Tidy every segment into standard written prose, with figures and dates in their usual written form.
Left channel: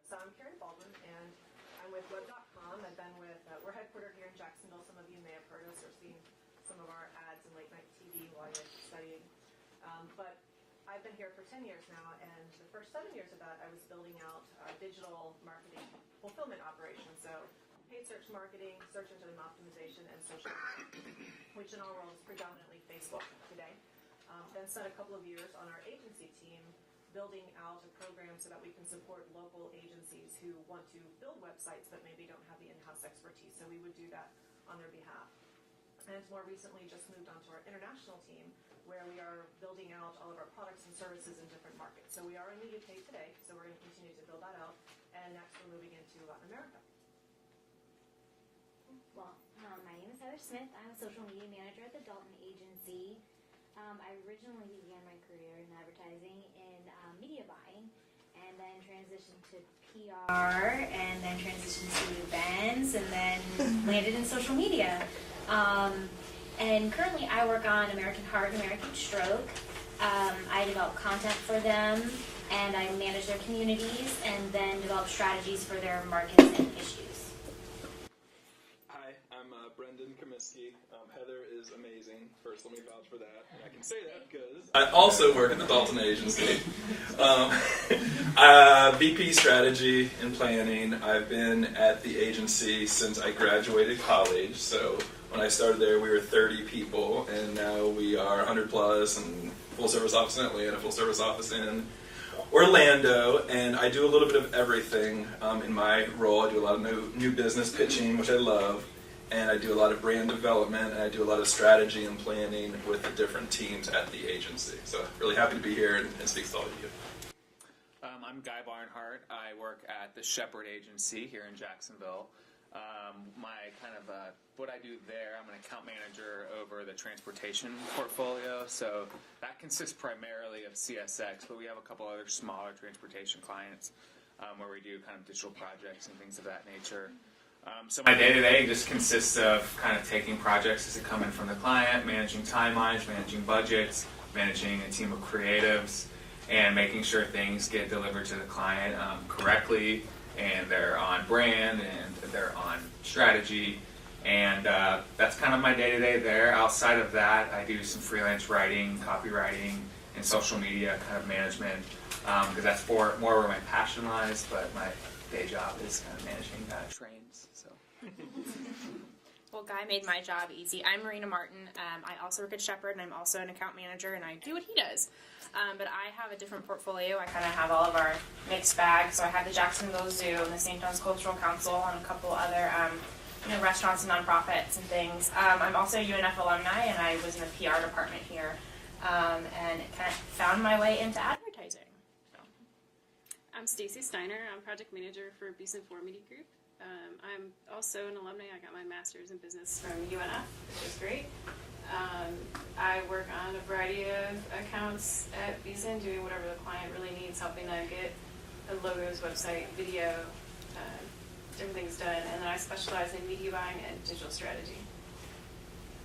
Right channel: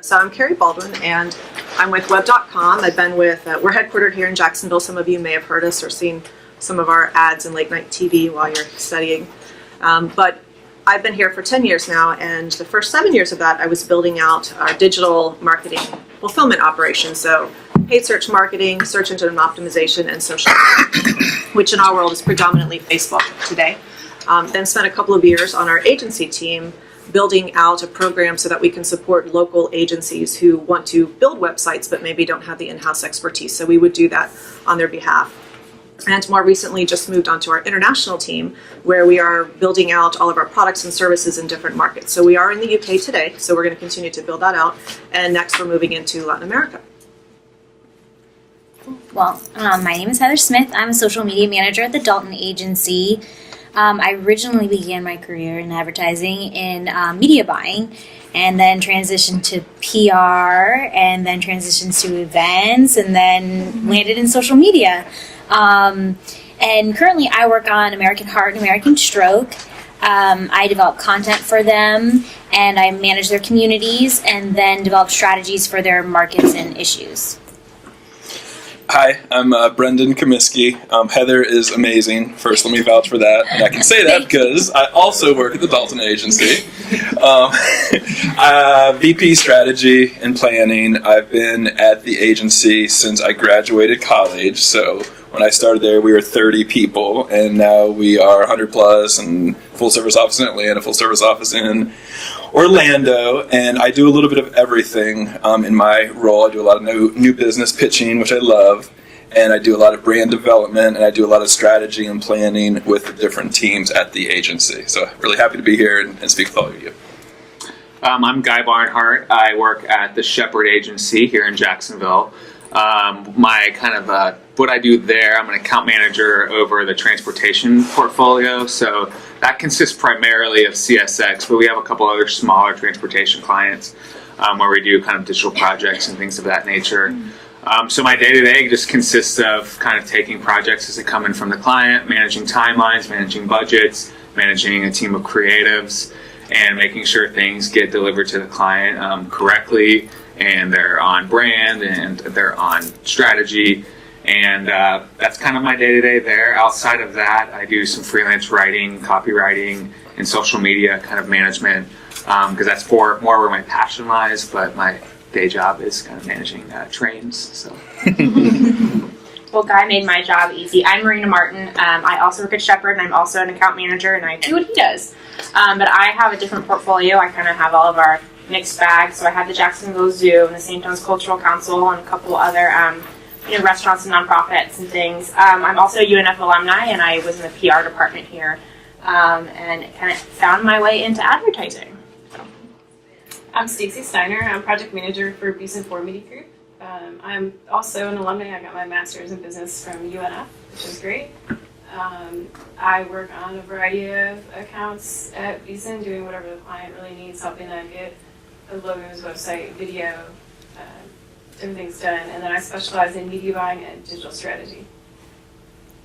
So I'm Carrie Baldwin, and I'm with web.com. I've been with, we're headquartered here in Jacksonville. Some of you may have heard us or seen some of our ads in late night TV while you're studying. But I've been here for 10 years now, and the first 7 years of that, I was building out our digital marketing fulfillment operations. So paid search marketing, search engine optimization, and social media, which in our world is predominantly Facebook today. Then spent a couple of years on our agency team building out a program so that we can support local agencies who want to build websites but maybe don't have the in-house expertise. So we would do that on their behalf. And more recently just moved on to our international team, where we are building out all of our products and services in different markets. So we are in the UK today, so we're going to continue to build that out. And next we're moving into Latin America. Well, my name is Heather Smith. I'm a social media manager at the Dalton Agency. I originally began my career in advertising in media buying, and then transitioned to PR, and then transitioned to events, and then landed in social media. And currently I work on American Heart and American Stroke. I develop content for them, and I manage their communities, and then develop strategies for their markets and issues. Hi, I'm Brendan Comiskey. Heather is amazing. First, let me vouch for that. And I can say that because I also work at the Dalton Agency. VP Strategy and Planning. I've been at the agency since I graduated college. So when I started there, we were 30 people, and now we are 100 plus, and full service office in Atlanta, full service office in Orlando, and I do a little bit of everything in my role. I do a lot of new business pitching, which I love, and I do a lot of brand development, and I do a lot of strategy and planning with the different teams at the agency. So really happy to be here and speak with all of you. I'm Guy Barnhart. I work at the Shepherd Agency here in Jacksonville. What I do there, I'm an account manager over the transportation portfolio. So that consists primarily of CSX, but we have a couple other smaller transportation clients where we do kind of digital projects and things of that nature. So my day-to-day just consists of kind of taking projects as they come in from the client, managing timelines, managing budgets, managing a team of creatives, and making sure things get delivered to the client correctly, and they're on brand, and they're on strategy. And that's kind of my day-to-day there. Outside of that, I do some freelance writing, copywriting, and social media kind of management, because that's more where my passion lies, but my day job is kind of managing trains. So. Well, Guy made my job easy. I'm Marina Martin. I also work at Shepherd, and I'm also an account manager, and I do what he does. But I have a different portfolio. I kind of have all of our mixed bags. So I have the Jacksonville Zoo and the St. John's Cultural Council and a couple other restaurants and nonprofits and things. I'm also a UNF alumni, and I was in the PR department here, and kind of found my way into advertising. I'm Stacy Steiner. I'm project manager for Beeson 4 Media Group. I'm also an alumni. I got my master's in business from UNF, which is great. I work on a variety of accounts at Beeson, doing whatever the client really needs, helping them get the logos, website, video, different things done. And then I specialize in media buying and digital strategy.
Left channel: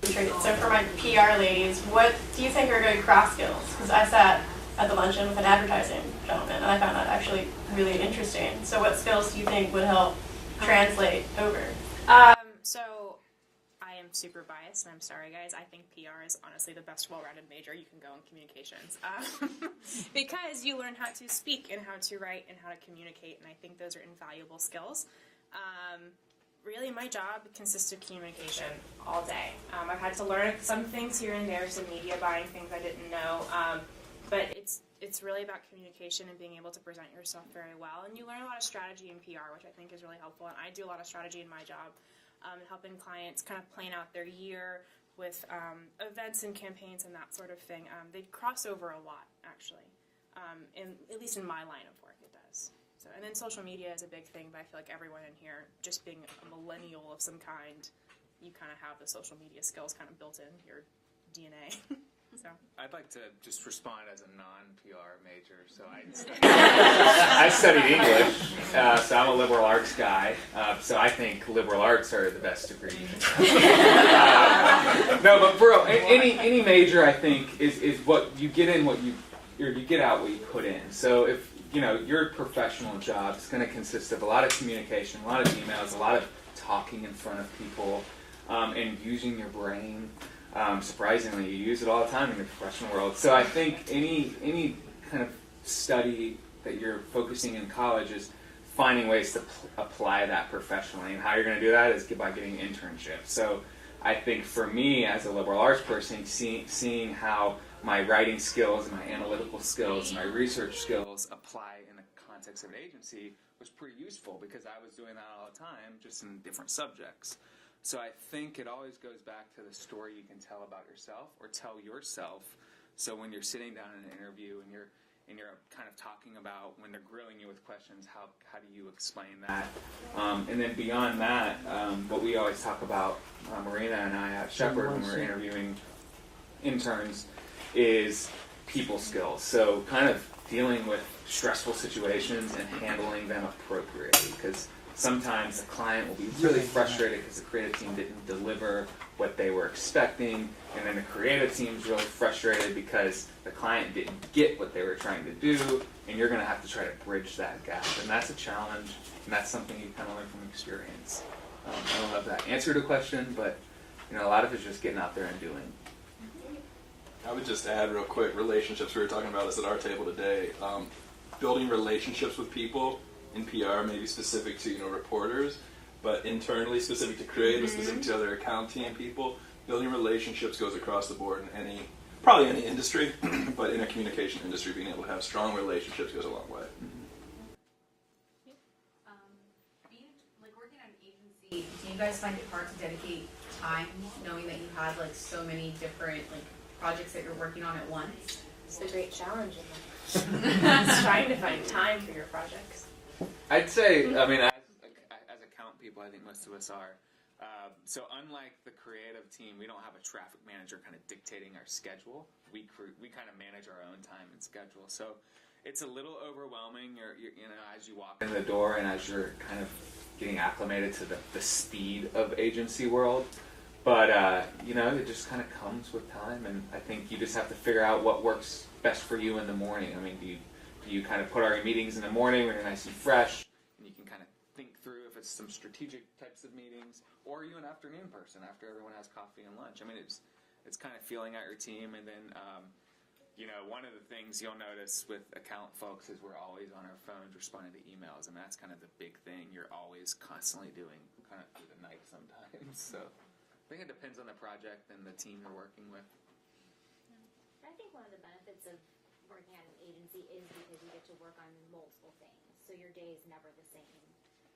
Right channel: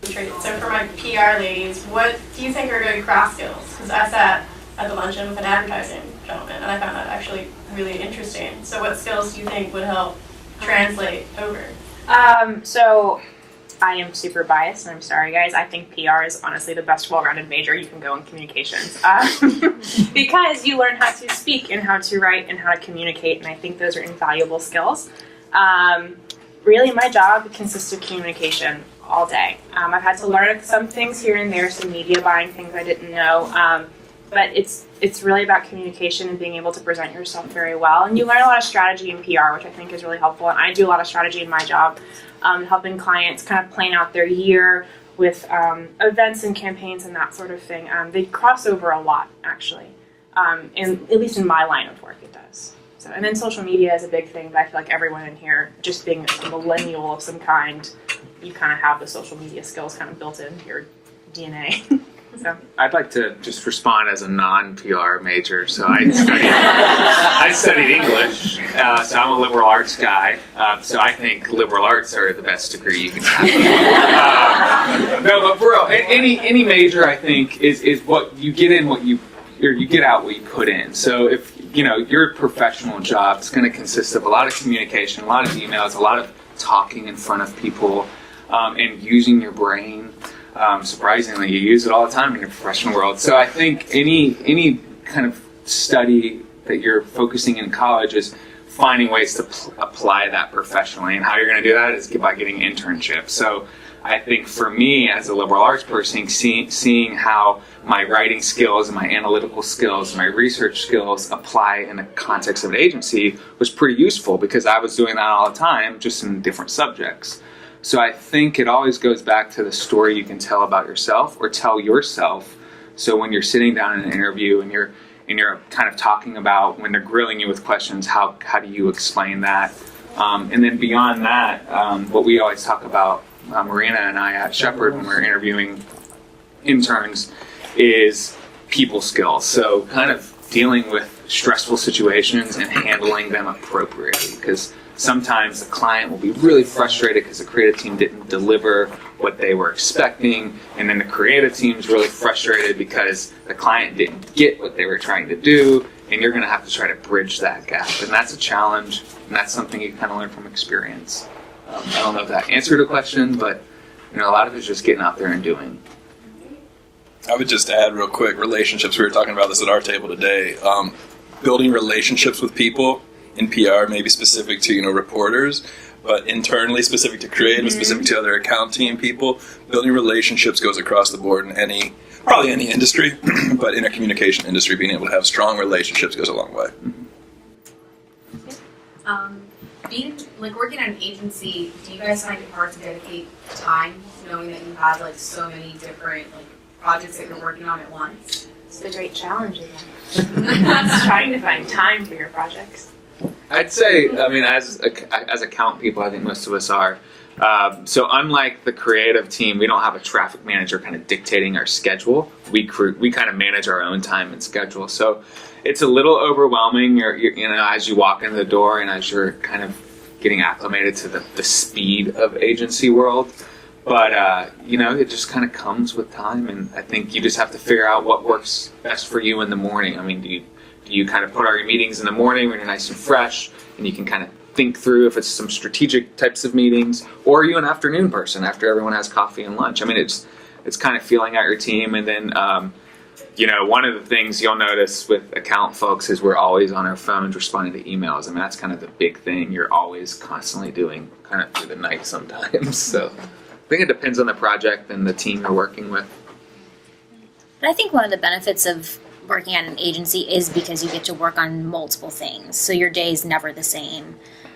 So for my PR ladies, what do you think are good cross skills? Because I sat at the luncheon with an advertising gentleman, and I found that actually really interesting. So what skills do you think would help translate over? So I am super biased, and I'm sorry, guys. I think PR is honestly the best well-rounded major you can go in communications, because you learn how to speak and how to write and how to communicate, and I think those are invaluable skills. Really, my job consists of communication all day. I've had to learn some things here and there, some media buying things I didn't know, but it's really about communication and being able to present yourself very well. And you learn a lot of strategy in PR, which I think is really helpful. And I do a lot of strategy in my job, helping clients kind of plan out their year with events and campaigns and that sort of thing. They cross over a lot, actually, at least in my line of work, it does. So, and then social media is a big thing, but I feel like everyone in here, just being a millennial of some kind, you kind of have the social media skills kind of built into your DNA. So. I'd like to just respond as a non-PR major. So I studied English, so I'm a liberal arts guy. So I think liberal arts are the best degree you can have. No, but for real, any major I think is what you get in, what you get out, what you put in. So if your professional job is going to consist of a lot of communication, a lot of emails, a lot of talking in front of people, and using your brain. Surprisingly, you use it all the time in your professional world. So I think any kind of study that you're focusing in college is finding ways to apply that professionally. And how you're going to do that is by getting internships. So I think for me as a liberal arts person, seeing how my writing skills and my analytical skills and my research skills apply in the context of an agency was pretty useful, because I was doing that all the time, just in different subjects. So I think it always goes back to the story you can tell about yourself, or tell yourself. So when you're sitting down in an interview and you're kind of talking about, when they're grilling you with questions, how do you explain that? And then beyond that, what we always talk about, Marina and I at Shepherd, when we're interviewing interns, is people skills. So kind of dealing with stressful situations and handling them appropriately, because sometimes the client will be really frustrated because the creative team didn't deliver what they were expecting, and then the creative team's really frustrated because the client didn't get what they were trying to do, and you're going to have to try to bridge that gap. And that's a challenge, and that's something you kind of learn from experience. I don't know if that answered the question, but a lot of it's just getting out there and doing. I would just add real quick, relationships. We were talking about this at our table today. Building relationships with people in PR may be specific to reporters, but internally specific to creative, specific to other account team people. Building relationships goes across the board in probably any industry, but in a communication industry, being able to have strong relationships goes a long way. Being working at an agency, do you guys find it hard to dedicate time, knowing that you have so many different projects that you're working on at once? It's a great challenge. It's trying to find time for your projects. I'd say, as account people, I think most of us are. So unlike the creative team, we don't have a traffic manager kind of dictating our schedule. We kind of manage our own time and schedule. So it's a little overwhelming. You're as you walk in the door and as you're kind of getting acclimated to the speed of agency world. But it just kind of comes with time, and I think you just have to figure out what works best for you in the morning. Do you kind of put all your meetings in the morning when you're nice and fresh, and you can kind of think through if it's some strategic types of meetings, or are you an afternoon person after everyone has coffee and lunch? It's kind of feeling out your team, and then one of the things you'll notice with account folks is we're always on our phones responding to emails. That's kind of the big thing you're always constantly doing, kind of through the night sometimes. So I think it depends on the project and the team you're working with. But I think one of the benefits of working at an agency is because you get to work on multiple things. So your day is never the same.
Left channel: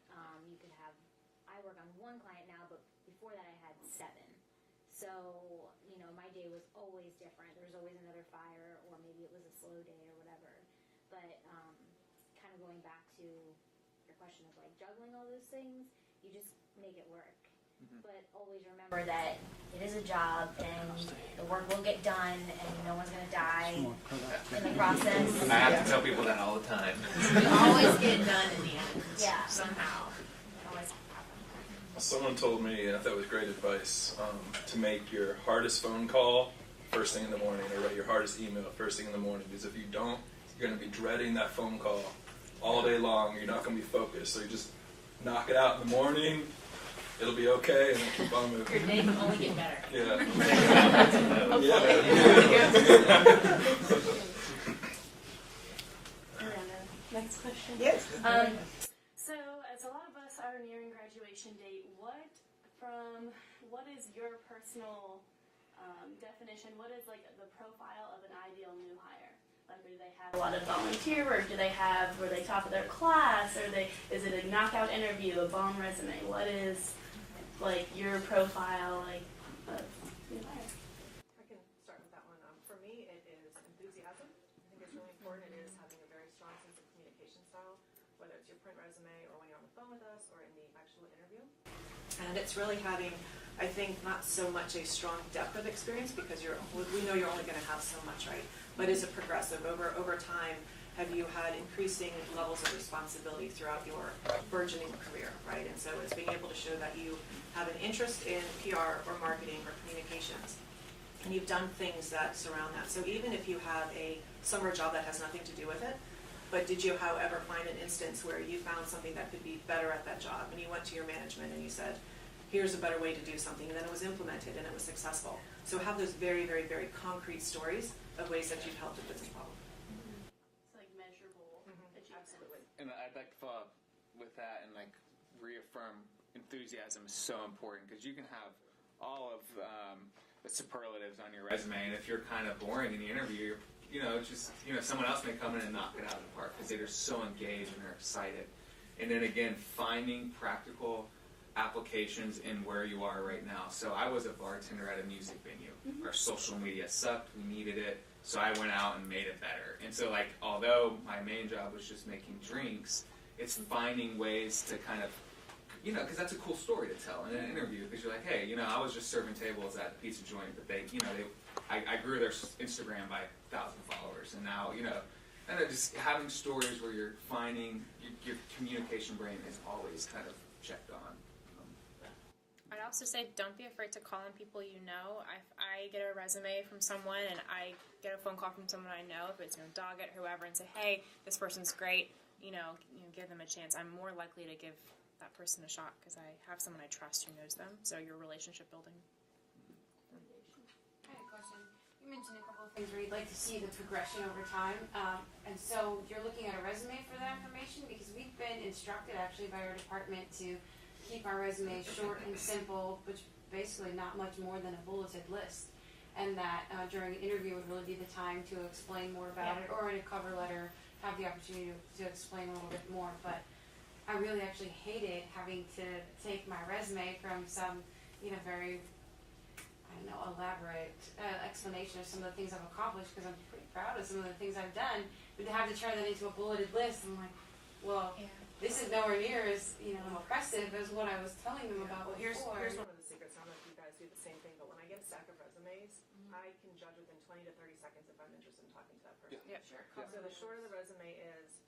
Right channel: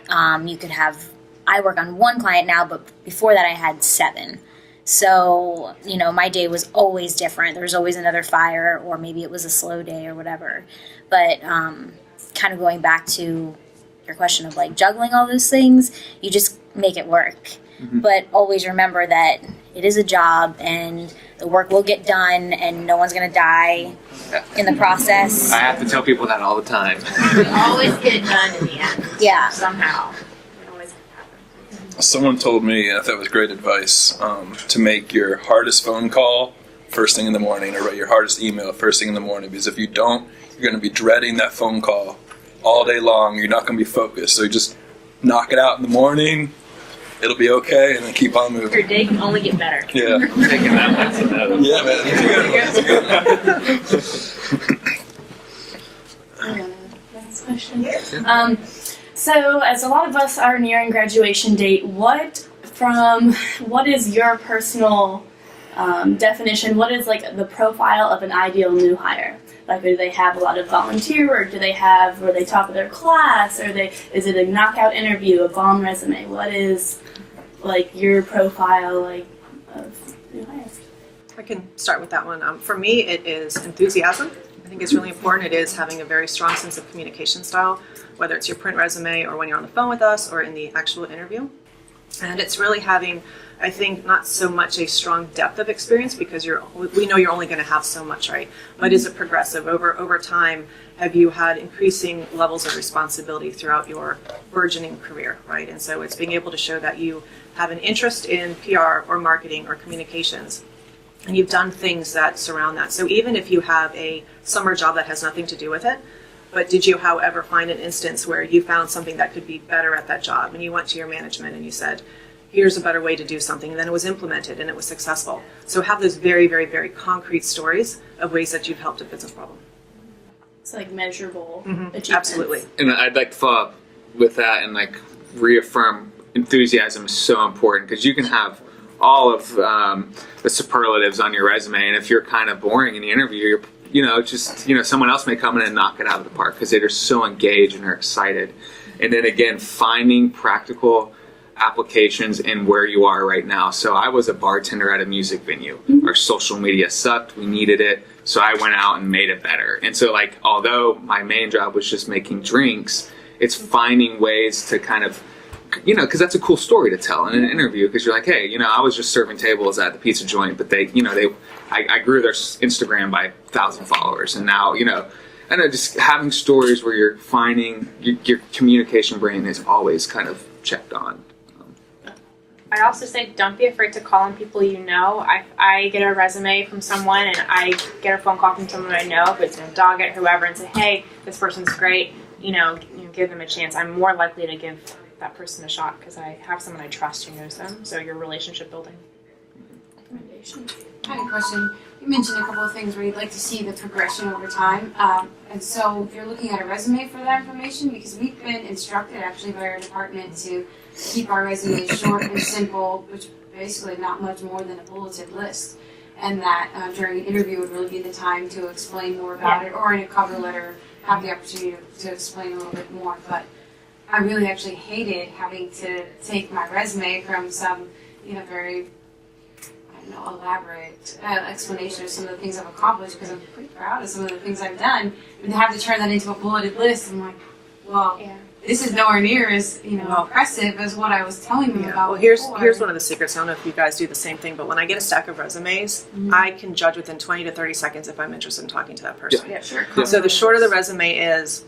I work on one client now, but before that I had 7. So, my day was always different. There was always another fire, or maybe it was a slow day or whatever. But kind of going back to your question of juggling all those things, you just make it work. Mm-hmm. But always remember that it is a job, and the work will get done, and no one's going to die in the process. I have to tell people that all the time. We always get it done in the end. Yeah. Somehow. Someone told me, and I thought it was great advice, to make your hardest phone call first thing in the morning, or write your hardest email first thing in the morning, because if you don't, you're going to be dreading that phone call all day long. You're not going to be focused. So you just knock it out in the morning. It'll be okay, and then keep on moving. Your day can only get better. Yeah. Taking that as a note. Yeah. Next question. So, as a lot of us are nearing graduation date, what is your personal definition? What is the profile of an ideal new hire? Do they have a lot of volunteer work? Do they have where they talk to their class? Is it a knockout interview, a bomb resume? What is your profile of new hires? I can start with that one. For me, it is enthusiasm. I think it's really important. It is having a very strong sense of communication style, whether it's your print resume or when you're on the phone with us or in the actual interview. And it's really having, I think, not so much a strong depth of experience, because we know you're only going to have so much, right? But is it progressive? Over time, have you had increasing levels of responsibility throughout your burgeoning career, right? And so it's being able to show that you have an interest in PR or marketing or communications, and you've done things that surround that. So even if you have a summer job that has nothing to do with it, But did you, however, find an instance where you found something that could be better at that job, and you went to your management and you said, here's a better way to do something, and then it was implemented and it was successful. So have those very, very, very concrete stories of ways that you've helped a business problem. It's like measurable achievements. Absolutely. And I'd like to follow up with that and like reaffirm enthusiasm is so important, because you can have all of the superlatives on your resume, and if you're kind of boring in the interview, someone else may come in and knock it out of the park because they're so engaged and they're excited. And then again, finding practical applications in where you are right now. So I was a bartender at a music venue. Our social media sucked. We needed it. So I went out and made it better. And so like, although my main job was just making drinks, it's finding ways to kind of, because that's a cool story to tell in an interview, because you're like, hey, I was just serving tables at the pizza joint, but I grew their Instagram by 1,000 followers. And now, just having stories where you're finding your communication brain is always kind of checked on. I also say don't be afraid to call on people you know. I get a resume from someone and I get a phone call from someone I know, if it's a dog it, whoever, and say, hey, this person's great, give them a chance. I'm more likely to give that person a shot because I have someone I trust who knows them. So your relationship building. Recommendation. I had a question. You mentioned a couple of things where you'd like to see the progression over time. And so you're looking at a resume for that information, because we've been instructed actually by our department to keep our resumes short and simple, which basically not much more than a bulleted list. And that during an interview would really be the time to explain more about it, or in a cover letter have the opportunity to explain a little bit more. But I really actually hated having to take my resume from some, very elaborate explanation of some of the things I've accomplished, because I'm pretty proud of some of the things I've done, and have to turn that into a bulleted list. I'm like, well, this is nowhere near as impressive as what I was telling you about. Well, here's one of the secrets. I don't know if you guys do the same thing, but when I get a stack of resumes, I can judge within 20 to 30 seconds if I'm interested in talking to that person. Yeah, sure. So the shorter the resume is,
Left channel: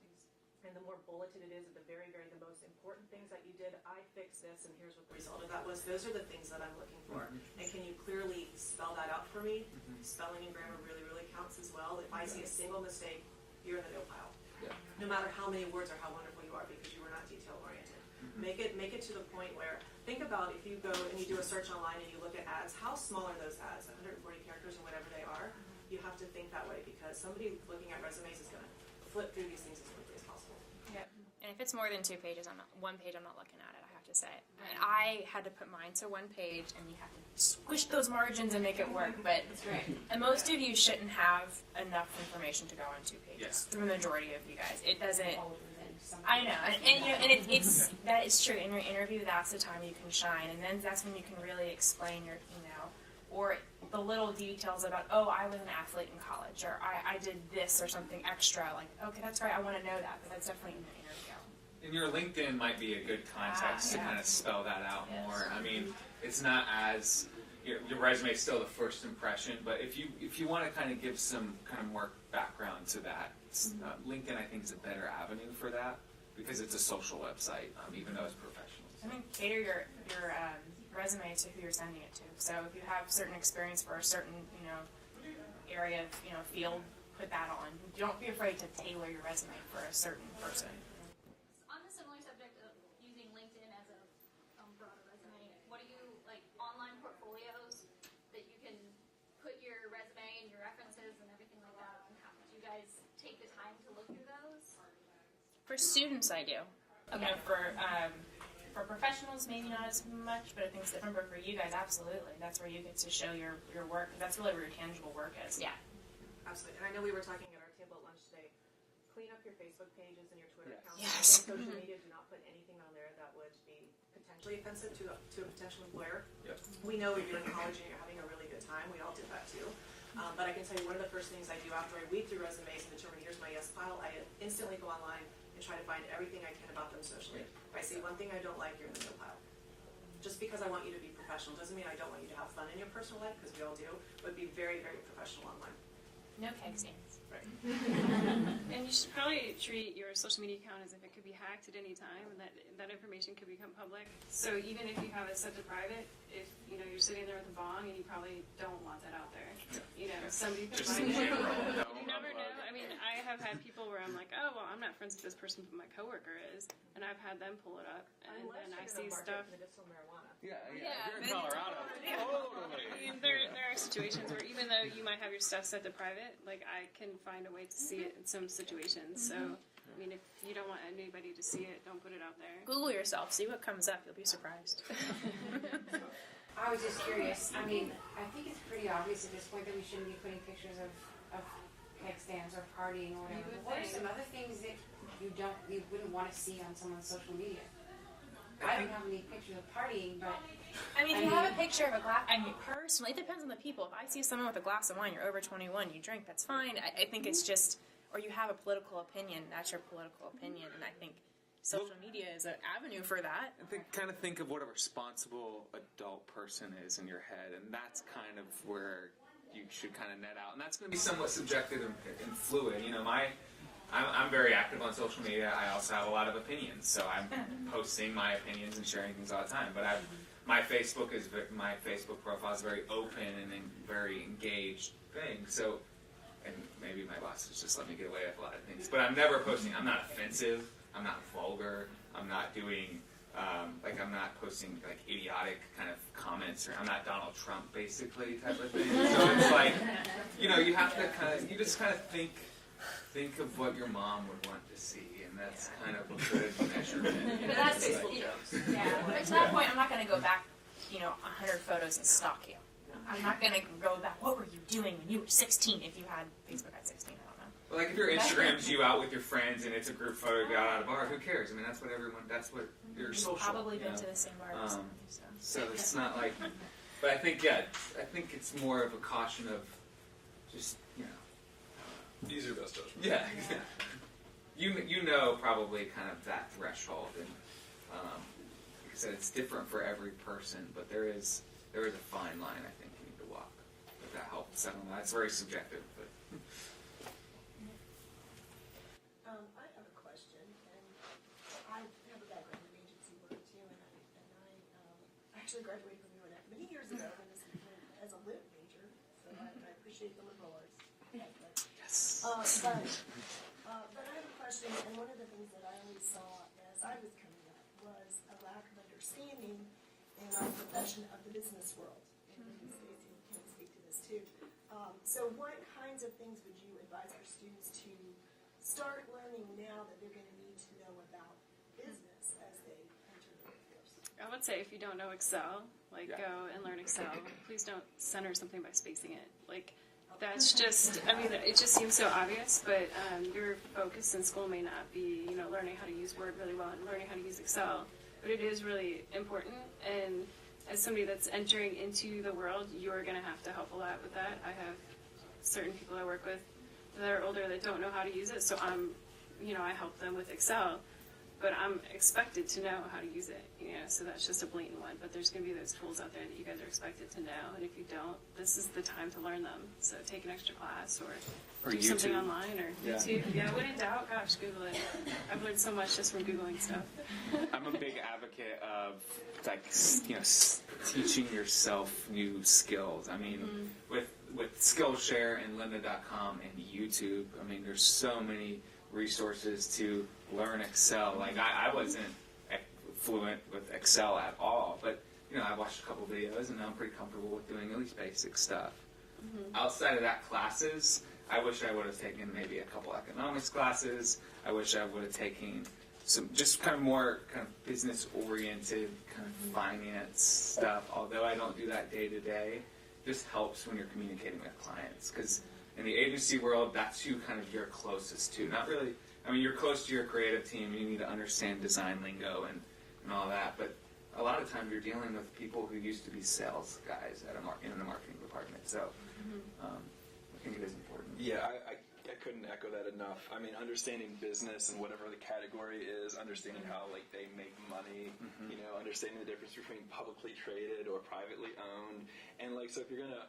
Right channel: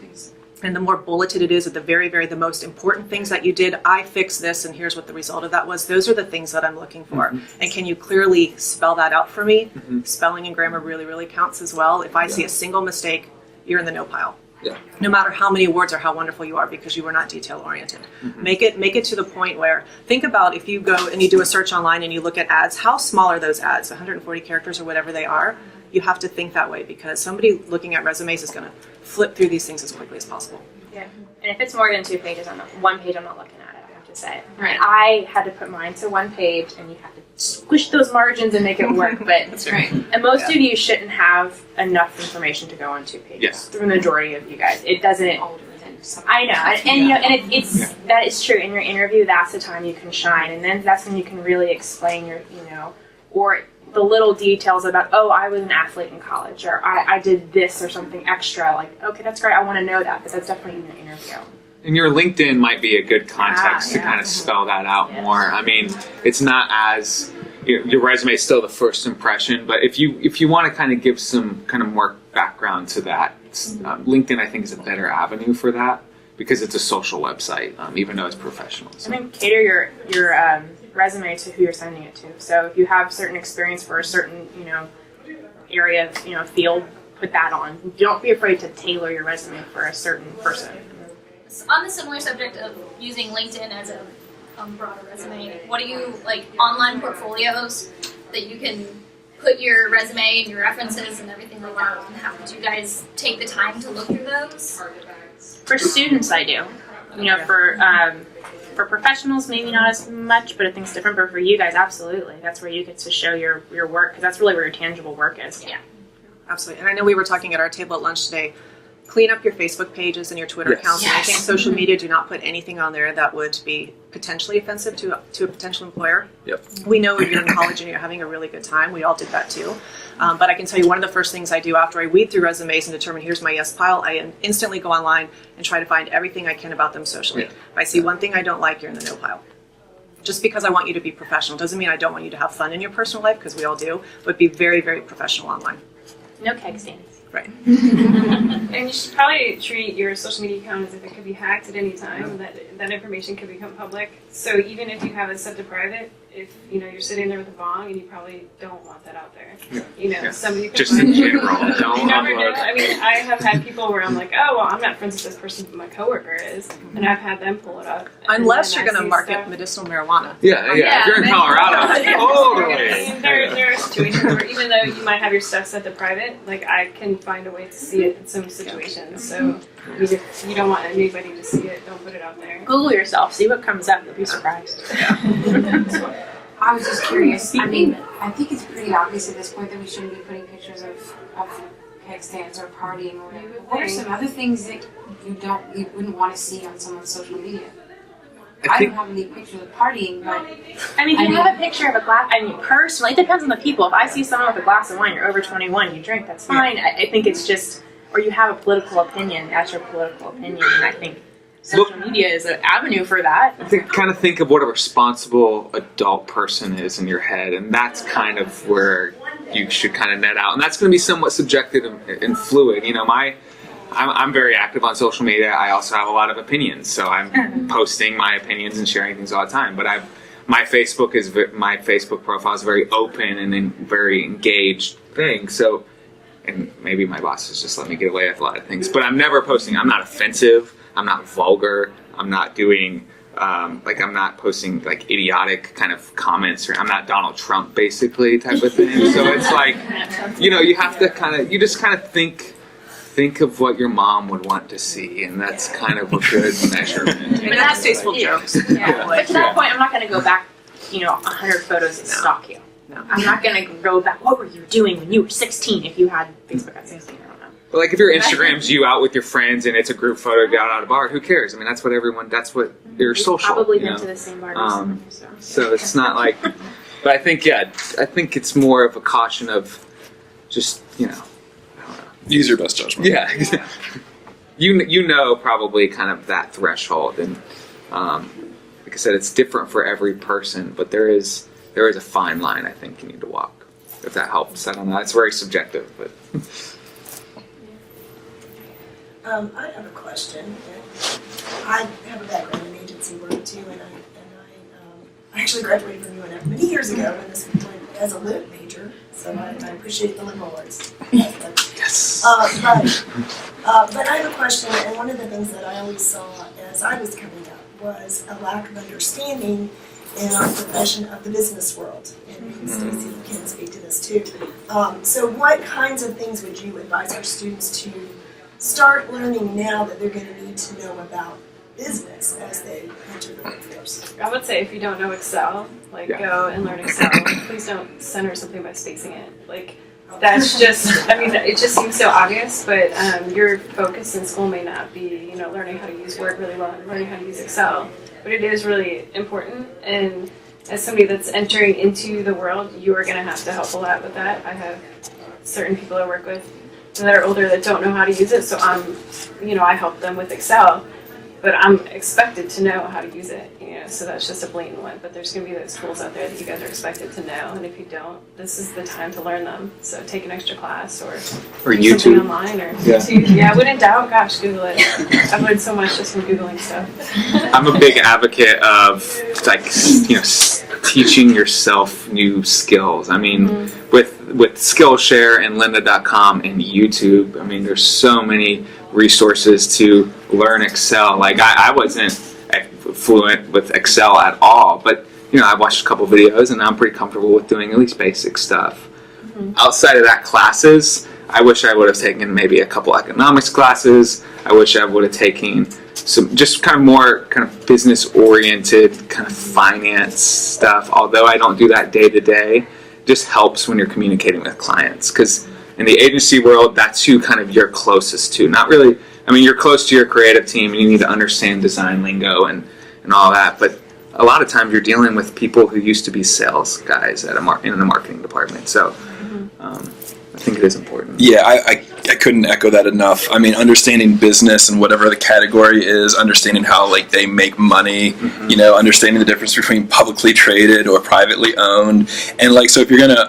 and the more bulleted it is, at the very, very, the most important things that you did, I fixed this and here's what the result of that was. Those are the things that I'm looking for. And can you clearly spell that out for me? Spelling and grammar really, really counts as well. If I see a single mistake, you're in the no pile. Yeah. No matter how many words or how wonderful you are, because you were not detail oriented. Make it to the point where, think about if you go and you do a search online and you look at ads, how small are those ads? 140 characters or whatever they are. You have to think that way, because somebody looking at resumes is going to flip through these things as quickly as possible. Yeah, and if it's more than 2 pages, one page, I'm not looking at it. I have to say. Right. And I had to put mine to 1 page, and you have to squish those margins and make it work. But That's right. and most of you shouldn't have enough information to go on 2 pages. Yes. The majority of you guys, it doesn't. Older than some. I know, and it's that is true. In your interview, that's the time you can shine, and then that's when you can really explain your, or the little details about, oh, I was an athlete in college, or I did this or something extra. Like, okay, that's great. I want to know that, because that's definitely in the interview. And your LinkedIn might be a good context to kind of spell that out more. I mean, it's not as, your resume is still the first impression, but if you want to kind of give some kind of more background to that, LinkedIn I think is a better avenue for that, because it's a social website, even though it's professional. So. I think cater your resume to who you're sending it to. So if you have certain experience for a certain area, field, put that on. Don't be afraid to tailor your resume for a certain person. On the similar subject of using LinkedIn as a broader resume, what do you like online portfolios that you can put your resume and your references and everything like that? And how do you guys take the time to look through those? For students, I do. For professionals, maybe not as much, but I think it's different. But for you guys, absolutely. That's where you get to show your work, because that's really where your tangible work is. Yeah. Absolutely. And I know we were talking at our table at lunch today. Clean up your Facebook pages and your Twitter accounts. And I think social media, do not put anything on there that would be potentially offensive to a potential employer. Yep. We know if you're in college and you're having a really good time. We all did that too. But I can tell you, one of the first things I do after I weed through resumes and determine here's my yes pile, I instantly go online and try to find everything I can about them socially. Yeah. If I see one thing I don't like, you're in the no pile. Just because I want you to be professional doesn't mean I don't want you to have fun in your personal life, because we all do, but be very, very professional online. No keg stands. Right. And you should probably treat your social media account as if it could be hacked at any time. That information could become public. So even if you have it set to private, if you're sitting there with a bong and you probably don't want that out there. Yeah. Somebody Just in general, don't you never know. upload. I mean, I have had people where I'm like, oh well, I'm not friends with this person, but my coworker is, and I've had them pull it up. Unless and you're then I going to see market stuff. medicinal marijuana. Yeah. If you're in Colorado, I totally. mean, there are situations where even though you might have your stuff set to private, like I can find a way to see it in some situations. So if you don't want anybody to see it, don't put it out there. Google yourself, see what comes up. You'll be surprised. I was just curious. I mean, I think it's pretty obvious at this point that we shouldn't be putting pictures of kickstands or partying or whatever. What are some other things that you wouldn't want to see on someone's social media? I don't have any pictures of partying, but I mean, if you have a picture of a glass, I mean, personally, it depends on the people. If I see someone with a glass of wine, you're over 21, you drink, that's fine. I think it's just, or you have a political opinion, that's your political opinion, and I think social media is an avenue for that. Think of what a responsible adult person is in your head, and that's kind of where you should kind of net out. And that's going to be somewhat subjective and fluid. I'm very active on social media. I also have a lot of opinions, so I'm posting my opinions and sharing things all the time. But my Facebook profile is very open and a very engaged thing. So, and maybe my bosses just let me get away with a lot of things. But I'm never posting. I'm not offensive. I'm not vulgar. I'm not doing I'm not posting like idiotic kind of comments, or I'm not Donald Trump basically type of thing. So it's like, you have to you just kind of think of what your mom would want to see, and that's kind of a good measurement. And that's tasteful jokes. Yeah. But to that point, I'm not going to go back, 100 photos and stalk you. No. I'm not going to go back, what were you doing when you were 16 if you had Facebook at 16? I don't know. Well, like if your Instagram's you out with your friends and it's a group photo down at a bar, who cares? I mean, that's what your social. Probably been to the same bar. So it's not like, but I think it's more of a caution of just, Use your best judgment. Yeah. Probably kind of that threshold, and like I said, it's different for every person, but there is a fine line I think you need to walk. If that helps, I don't know. It's very subjective, but. I have a question. I have a background in agency work too, and I actually graduated from UNF many years ago, and this went as a lit major, so I appreciate the liberal arts. Yes. But I have a question, and one of the things that I always saw as I was coming up was a lack of understanding in our profession of the business world, and Stacey can speak to this too. So what kinds of things would you advise our students to start learning now that they're going to need to know about business as they enter the workforce? I would say if you don't know Excel, go and learn Excel. Please don't center something by spacing it. That's just, it just seems so obvious, but your focus in school may not be, learning how to use Word really well and learning how to use Excel. But it is really important, and as somebody that's entering into the world, you are going to have to help a lot with that. I have certain people I work with that are older that don't know how to use it, so I help them with Excel, but I'm expected to know how to use it, so that's just a blatant one. But there's going to be those tools out there that you guys are expected to know, and if you don't, this is the time to learn them. So take an extra class or do YouTube something online or YouTube. Yeah, when in doubt, gosh, Google it. I've learned so much just from Googling stuff. I'm a big advocate of teaching yourself new skills. I mean, with Skillshare and lynda.com and YouTube, there's so many resources to learn Excel. I wasn't fluent with Excel at all, but I watched a couple videos and I'm pretty comfortable with doing at least basic stuff. Outside of that, classes, I wish I would have taken maybe a couple economics classes. I wish I would have taken some just kind of more kind of business oriented kind of finance stuff, although I don't do that day to day. Just helps when you're communicating with clients, because in the agency world, that's who kind of you're closest to. Not really, you're close to your creative team and you need to understand design lingo and all that, but a lot of times you're dealing with people who used to be sales guys in the marketing department. So I think it is important. Yeah, I couldn't echo that enough. Understanding business and whatever the category is, understanding how they make money, understanding the difference between publicly traded or privately owned, and so if you're gonna,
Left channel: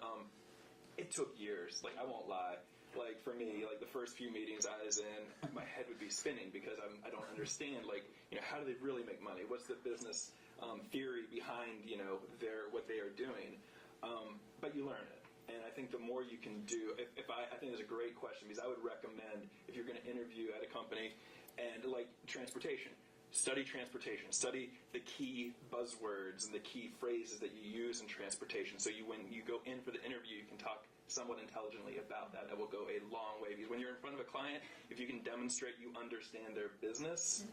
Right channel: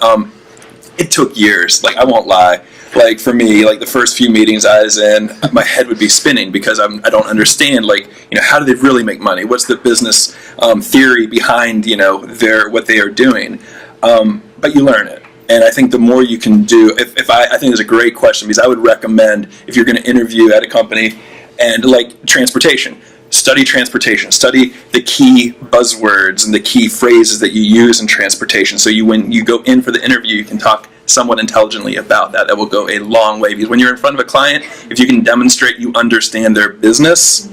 it took years. I won't lie. like for me, like the first few meetings I was in, my head would be spinning because I don't understand, like, how do they really make money? What's the business theory behind, what they are doing? But you learn it. And I think the more you can do, I think it's a great question, because I would recommend, if you're going to interview at a company, and like transportation, study the key buzzwords and the key phrases that you use in transportation. So when you go in for the interview, you can talk somewhat intelligently about that. That will go a long way, because when you're in front of a client, if you can demonstrate you understand their business,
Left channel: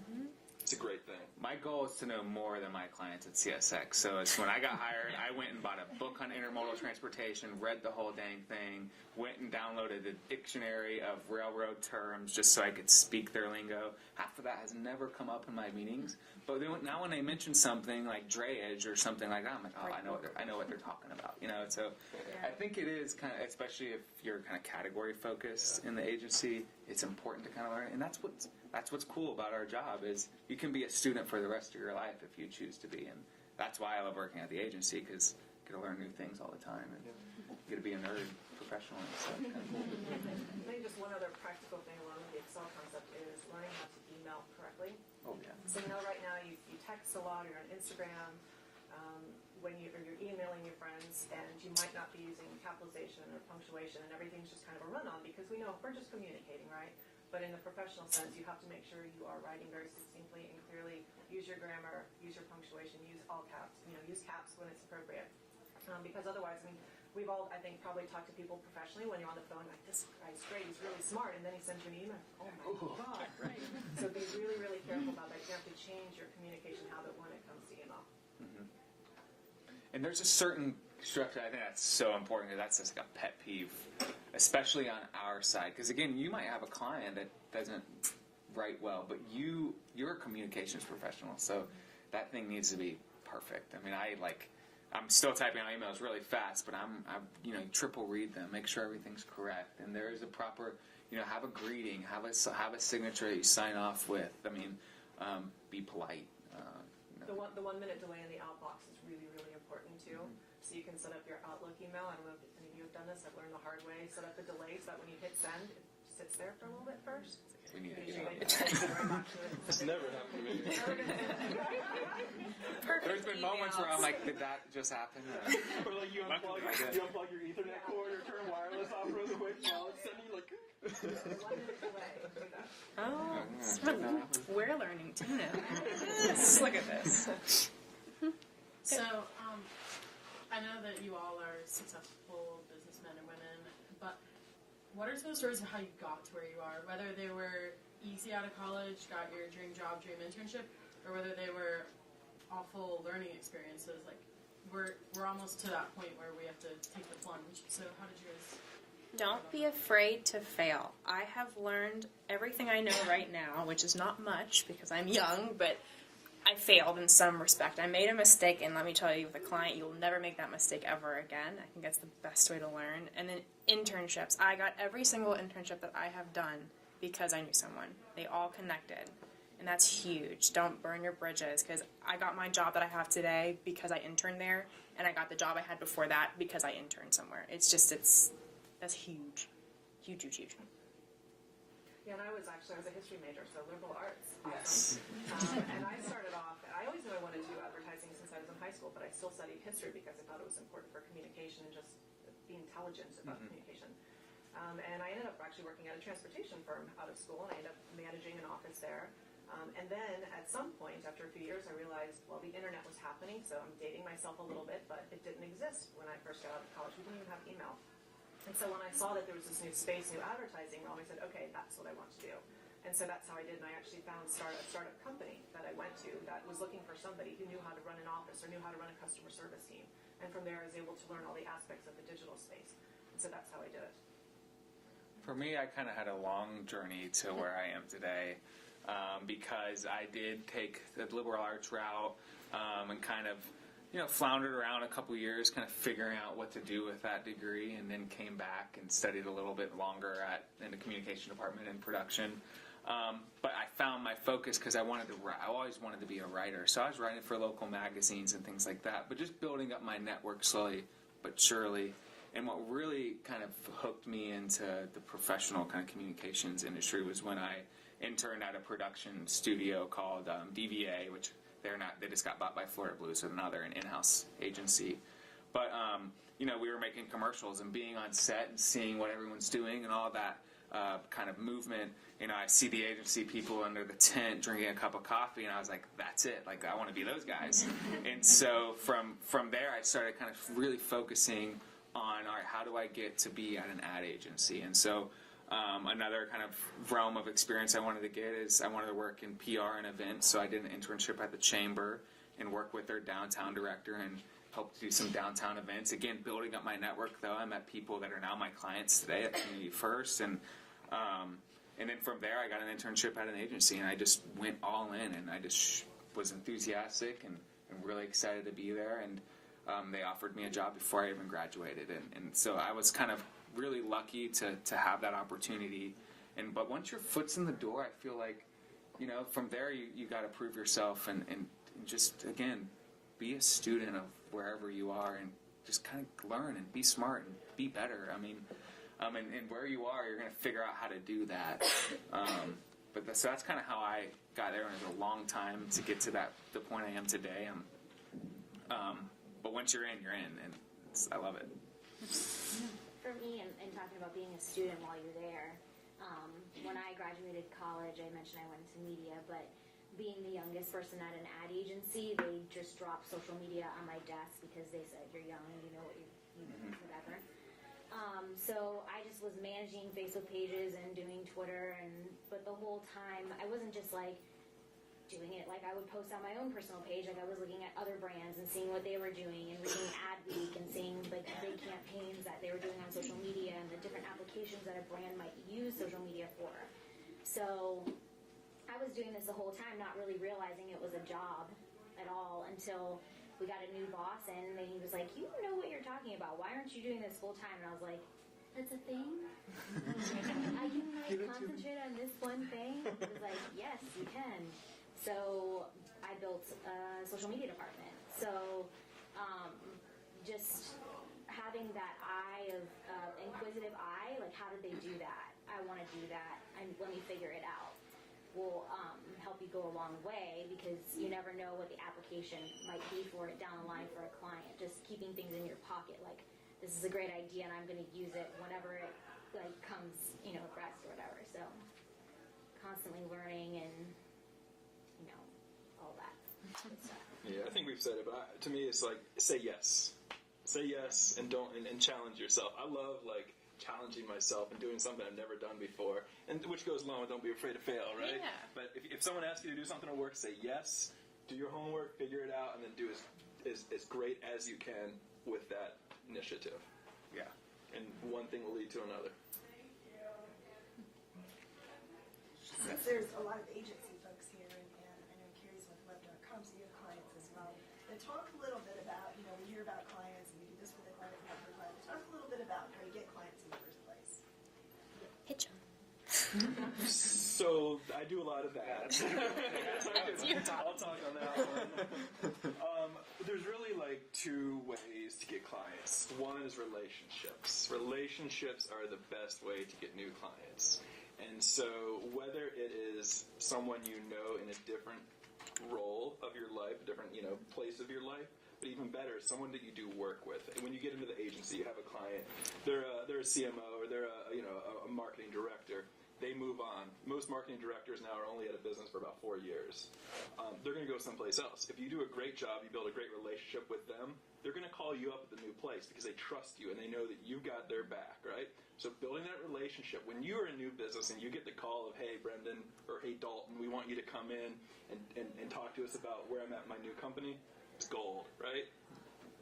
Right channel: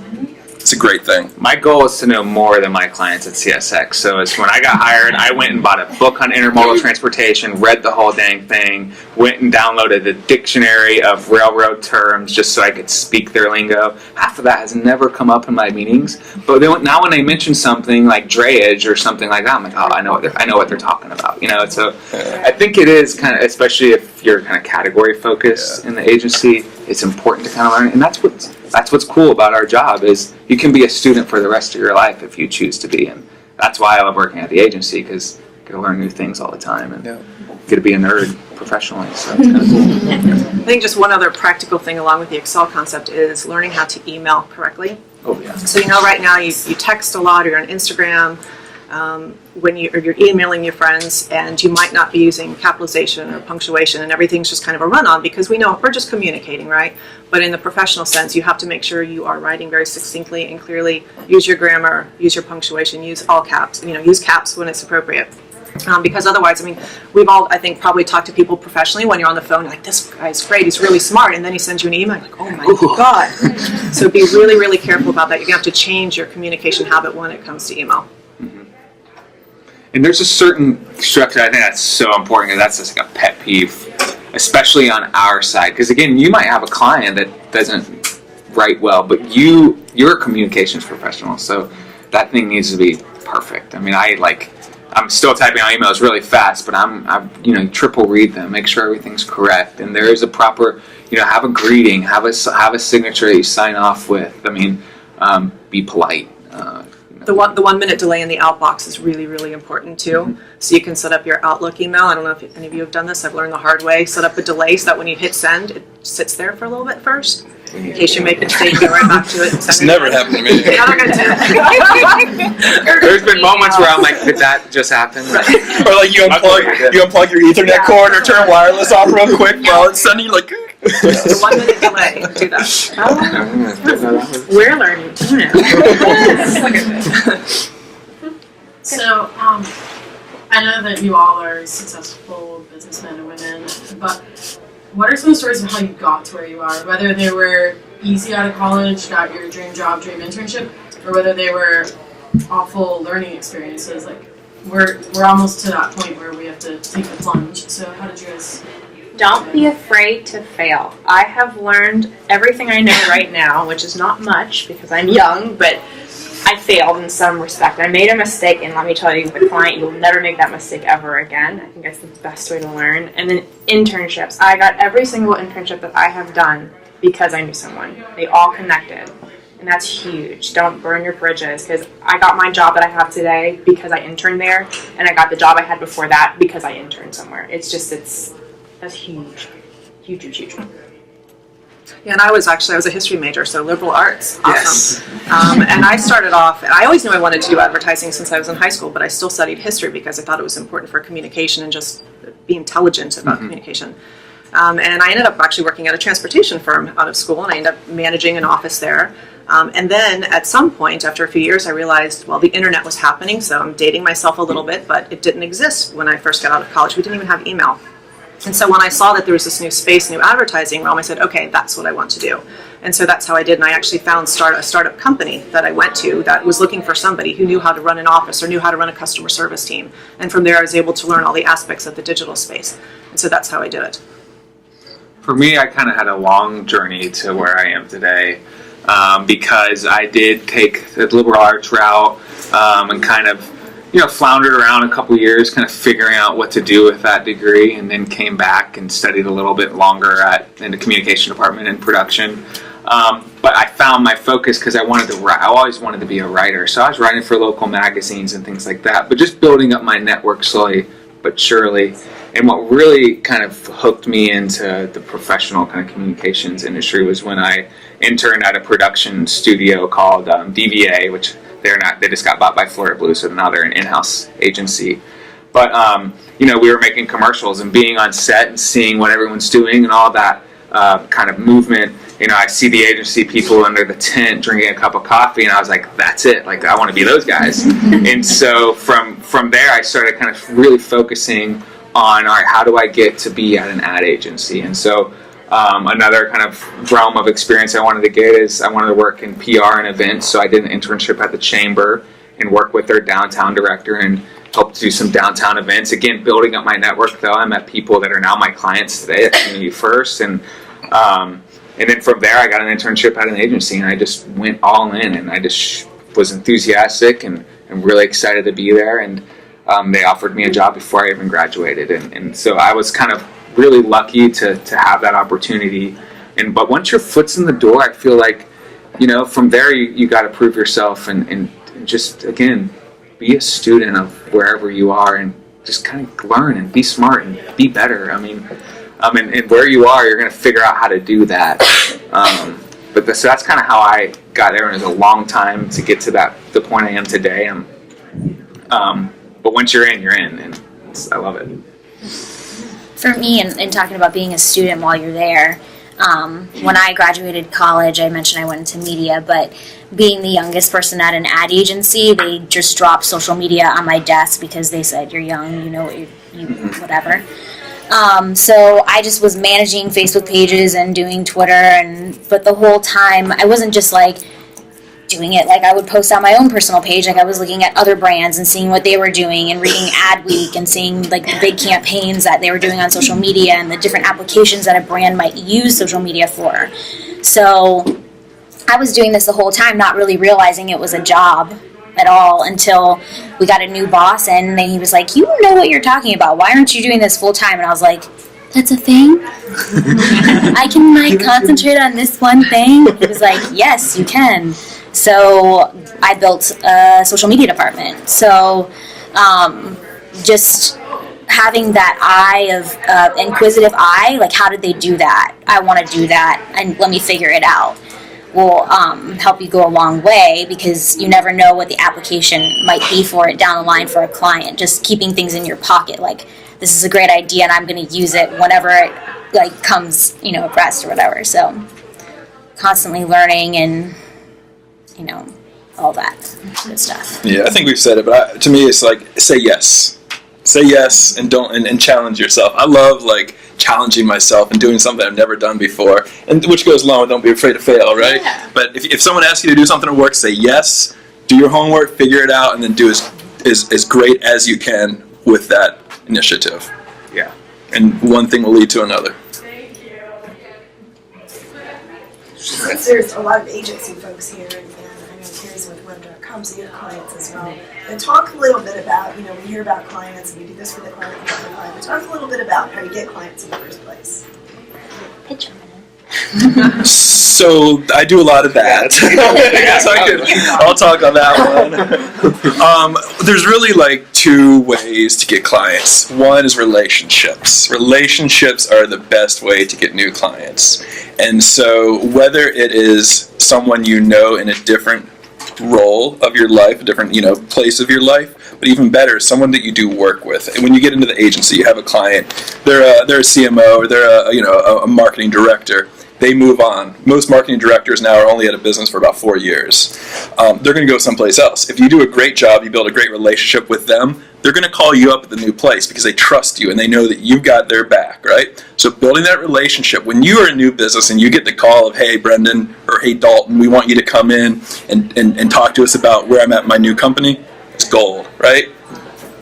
it's a great thing. My goal is to know more than my clients at CSX. So it's when I got hired, I went and bought a book on intermodal transportation, read the whole dang thing, went and downloaded the dictionary of railroad terms just so I could speak their lingo. Half of that has never come up in my meetings. But now when they mention something like drayage or something like that, I'm like, oh, I know what they're talking about. So I think it is kind of, especially if you're kind of category focused in the agency, it's important to kind of learn. And that's what's cool about our job, is you can be a student for the rest of your life if you choose to be. And that's why I love working at the agency, because you get to learn new things all the time and get to be a nerd professionally. So it's kind of cool. I think just one other practical thing along with the Excel concept is learning how to email correctly. Oh yeah. So right now you text a lot, or you're on Instagram, when you're emailing your friends, and you might not be using capitalization or punctuation, and everything's just kind of a run-on, because we know we're just communicating, right? But in the professional sense, you have to make sure you are writing very succinctly and clearly. Use your grammar, use your punctuation, use all caps, use caps when it's appropriate. Because otherwise, we've all, I think, probably talked to people professionally when you're on the phone, like, this guy's great, he's really smart, and then he sends you an email, like, oh my God. So be really, really careful about that. You're going to have to change your communication habit when it comes to email. And there's a certain structure, I think that's so important, because that's just like a pet peeve, especially on our side. Because again, you might have a client that doesn't write well, but you're a communications professional, so that thing needs to be perfect. I'm still typing out emails really fast, but I'm triple read them, make sure everything's correct, and there is a proper, have a greeting, have a signature that you sign off with. Be polite. The 1 minute delay in the outbox is really, really important too. Mm-hmm. So you can set up your Outlook email. I don't know if any of you have done this. I've learned the hard way. Set up a delay so that when you hit send, it sits there for a little bit first. In case you make a mistake, go right back to it. It's never happened to me. Another good tip. There's been moments where I'm like, did that just happen? Right. Or like you unplug your Ethernet cord or turn wireless off real quick while it's sending, like. The 1 minute delay. Do that. We're learning too now. So, I know that you all are successful businessmen and women, but what are some stories of how you got to where you are? Whether they were easy out of college, got your dream job, dream internship, or whether they were awful learning experiences. Like, we're almost to that point where we have to take the plunge. So how did you guys? Don't be afraid to fail. I have learned everything I know right now, which is not much because I'm young, but I failed in some respect. I made a mistake, and let me tell you, with a client, you'll never make that mistake ever again. I think that's the best way to learn. And then internships. I got every single internship that I have done because I knew someone. They all connected. And that's huge. Don't burn your bridges, because I got my job that I have today because I interned there, and I got the job I had before that because I interned somewhere. That's huge. Huge, huge, huge. Yeah, and I was a history major, so liberal arts. Awesome. Yes. And I started off, and I always knew I wanted to do advertising since I was in high school, but I still studied history because I thought it was important for communication and just be intelligent about communication. And I ended up actually working at a transportation firm out of school, and I ended up managing an office there. And then at some point, after a few years, I realized, well, the internet was happening, so I'm dating myself a little bit, but it didn't exist when I first got out of college. We didn't even have email. And so when I saw that there was this new space, new advertising realm, I said, okay, that's what I want to do. And so that's how I did. And I actually found a startup company that I went to that was looking for somebody who knew how to run an office or knew how to run a customer service team. And from there, I was able to learn all the aspects of the digital space. And so that's how I did it. For me, I kind of had a long journey to where I am today, because I did take the liberal arts route and kind of floundered around a couple years, kind of figuring out what to do with that degree, and then came back and studied a little bit longer in the communication department and production. But I found my focus because I wanted to write. I always wanted to be a writer, so I was writing for local magazines and things like that. But just building up my network slowly but surely. And what really kind of hooked me into the professional kind of communications industry was when I interned at a production studio called DVA, which they just got bought by Florida Blue, so now they're an in-house agency. But we were making commercials and being on set and seeing what everyone's doing and all that kind of movement. I see the agency people under the tent drinking a cup of coffee, and I was like, that's it. Like, I want to be those guys. And so from there, I started kind of really focusing on, all right, how do I get to be at an ad agency? And so another kind of realm of experience I wanted to get is I wanted to work in PR and events. So I did an internship at the Chamber and worked with their downtown director and helped do some downtown events. Again, building up my network, though. I met people that are now my clients today at Community First. And then from there, I got an internship at an agency, and I just went all in, and I just was enthusiastic and really excited to be there. And they offered me a job before I even graduated. And so I was kind of really lucky to have that opportunity. But once your foot's in the door, I feel like, from there you got to prove yourself and just, again, be a student of wherever you are and just kind of learn and be smart and be better. And where you are, you're going to figure out how to do that. So that's kind of how I got there, and it was a long time to get to the point I am today. But once you're in, and I love it. For me, and talking about being a student while you're there, when I graduated college, I mentioned I went into media, but being the youngest person at an ad agency, they just dropped social media on my desk because they said, you're young, whatever. So I just was managing Facebook pages and doing Twitter, but the whole time I wasn't just like doing it. Like, I would post on my own personal page. Like, I was looking at other brands and seeing what they were doing and reading Ad Week and seeing like the big campaigns that they were doing on social media and the different applications that a brand might use social media for. So I was doing this the whole time, not really realizing it was a job at all until we got a new boss, and then he was like, you know what you're talking about. Why aren't you doing this full time? And I was like, that's a thing? I can concentrate on this one thing? He was like, yes, you can. So I built a social media department. So just having that eye of inquisitive eye, like, how did they do that? I want to do that, and let me figure it out. Will help you go a long way, because you never know what the application might be for it down the line for a client. Just keeping things in your pocket, like, this is a great idea and I'm going to use it whenever it comes abreast or whatever. So constantly learning and all that good stuff. Yeah, I think we've said it, but to me it's like, say yes and don't and challenge yourself. I love challenging myself and doing something I've never done before, and which goes along with don't be afraid to fail, right? Yeah. But if someone asks you to do something at work, say yes, do your homework, figure it out, and then do as great as you can with that initiative. Yeah. And one thing will lead to another. Since there's a lot of agency folks here, and I know Terry's with Web.com, so you have clients as well. And talk a little bit about, we hear about clients, and we do this for the client, and for the client, but talk a little bit about how you get clients in the first place. Pitch a minute. So I do a lot of that. I'll talk on that one. There's really two ways to get clients. One is relationships. Relationships are the best way to get new clients. And so whether it is someone in a different role of your life, a different place of your life, but even better, someone that you do work with. And when you get into the agency, you have a client, they're a CMO or they're a marketing director. They move on. Most marketing directors now are only at a business for about 4 years. They're going to go someplace else. If you do a great job, you build a great relationship with them, they're going to call you up at the new place because they trust you and they know that you've got their back, right? So building that relationship, when you are a new business and you get the call of, hey, Brendan, or hey, Dalton, we want you to come in and talk to us about where I'm at in my new company, it's gold, right?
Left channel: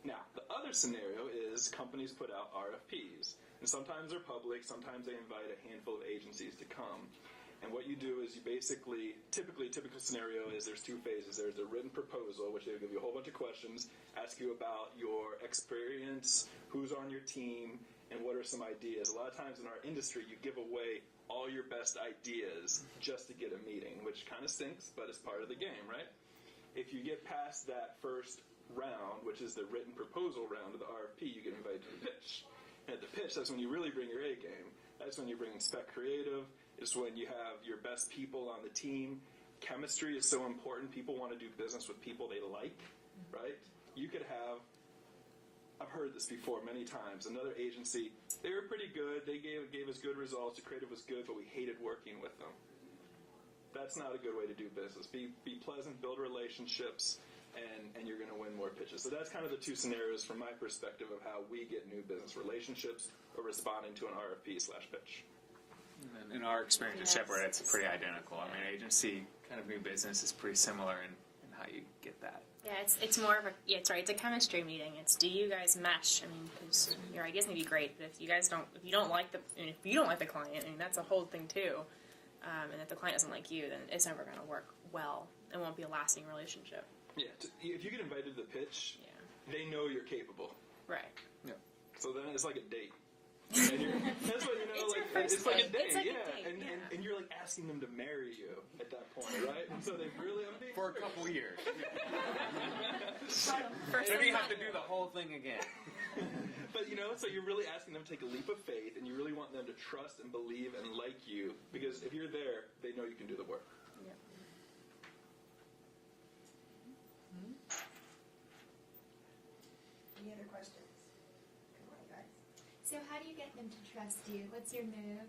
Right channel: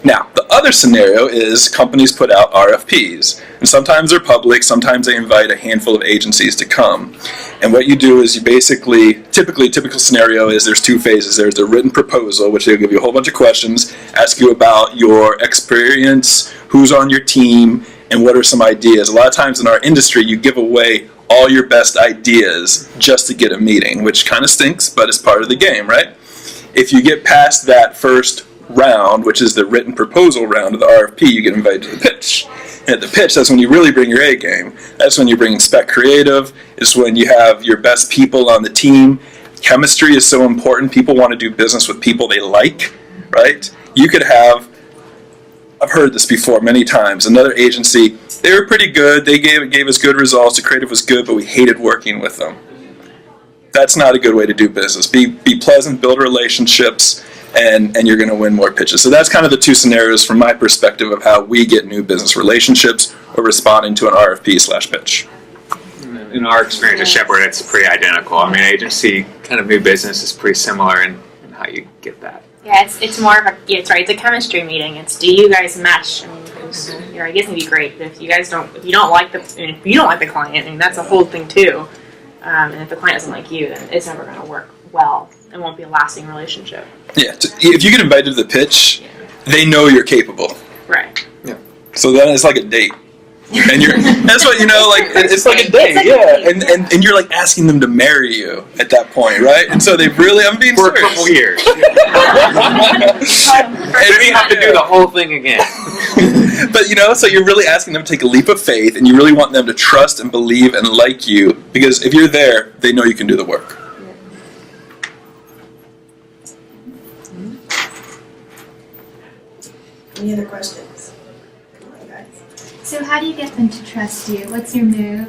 Now, the other scenario is companies put out RFPs. And sometimes they're public, sometimes they invite a handful of agencies to come. And what you do is you basically, typical scenario is there's 2 phases. There's the written proposal, which they'll give you a whole bunch of questions, ask you about your experience, who's on your team, and what are some ideas. A lot of times in our industry, you give away all your best ideas just to get a meeting, which kind of stinks, but it's part of the game, right? If you get past that first round, which is the written proposal round of the RFP, you get invited to the pitch. At the pitch, that's when you really bring your A game. That's when you bring in spec creative. It's when you have your best people on the team. Chemistry is so important. People want to do business with people they like, right? You could have, I've heard this before many times, another agency, they were pretty good, they gave us good results, the creative was good, but we hated working with them. That's not a good way to do business. Be pleasant, build relationships, and you're going to win more pitches. So that's kind of the two scenarios from my perspective of how we get new business relationships or responding to an RFP/pitch. In our experience at Shepherd, it's pretty identical. I mean, agency kind of new business is pretty similar in how you get that. Yeah, it's more of a it's a chemistry meeting. It's do you guys match? I mean, 'cause your ideas can be great, but if you don't like the client, I mean that's a whole thing too. And if the client doesn't like you, then it's never going to work well. It won't be a lasting relationship. Yeah, if you get invited to the pitch, they know you're capable. Right. Yeah. So then it's like a date. And that's what it's like a date, and you're like asking them to marry you at that point, right? And so I'm being for serious. a couple years. And we have to do the whole thing again. But so you're really asking them to take a leap of faith, and you really want them to trust and believe and like you, because if you're there, they know you can do the work. Any other questions? So how do you get them to trust you? What's your move?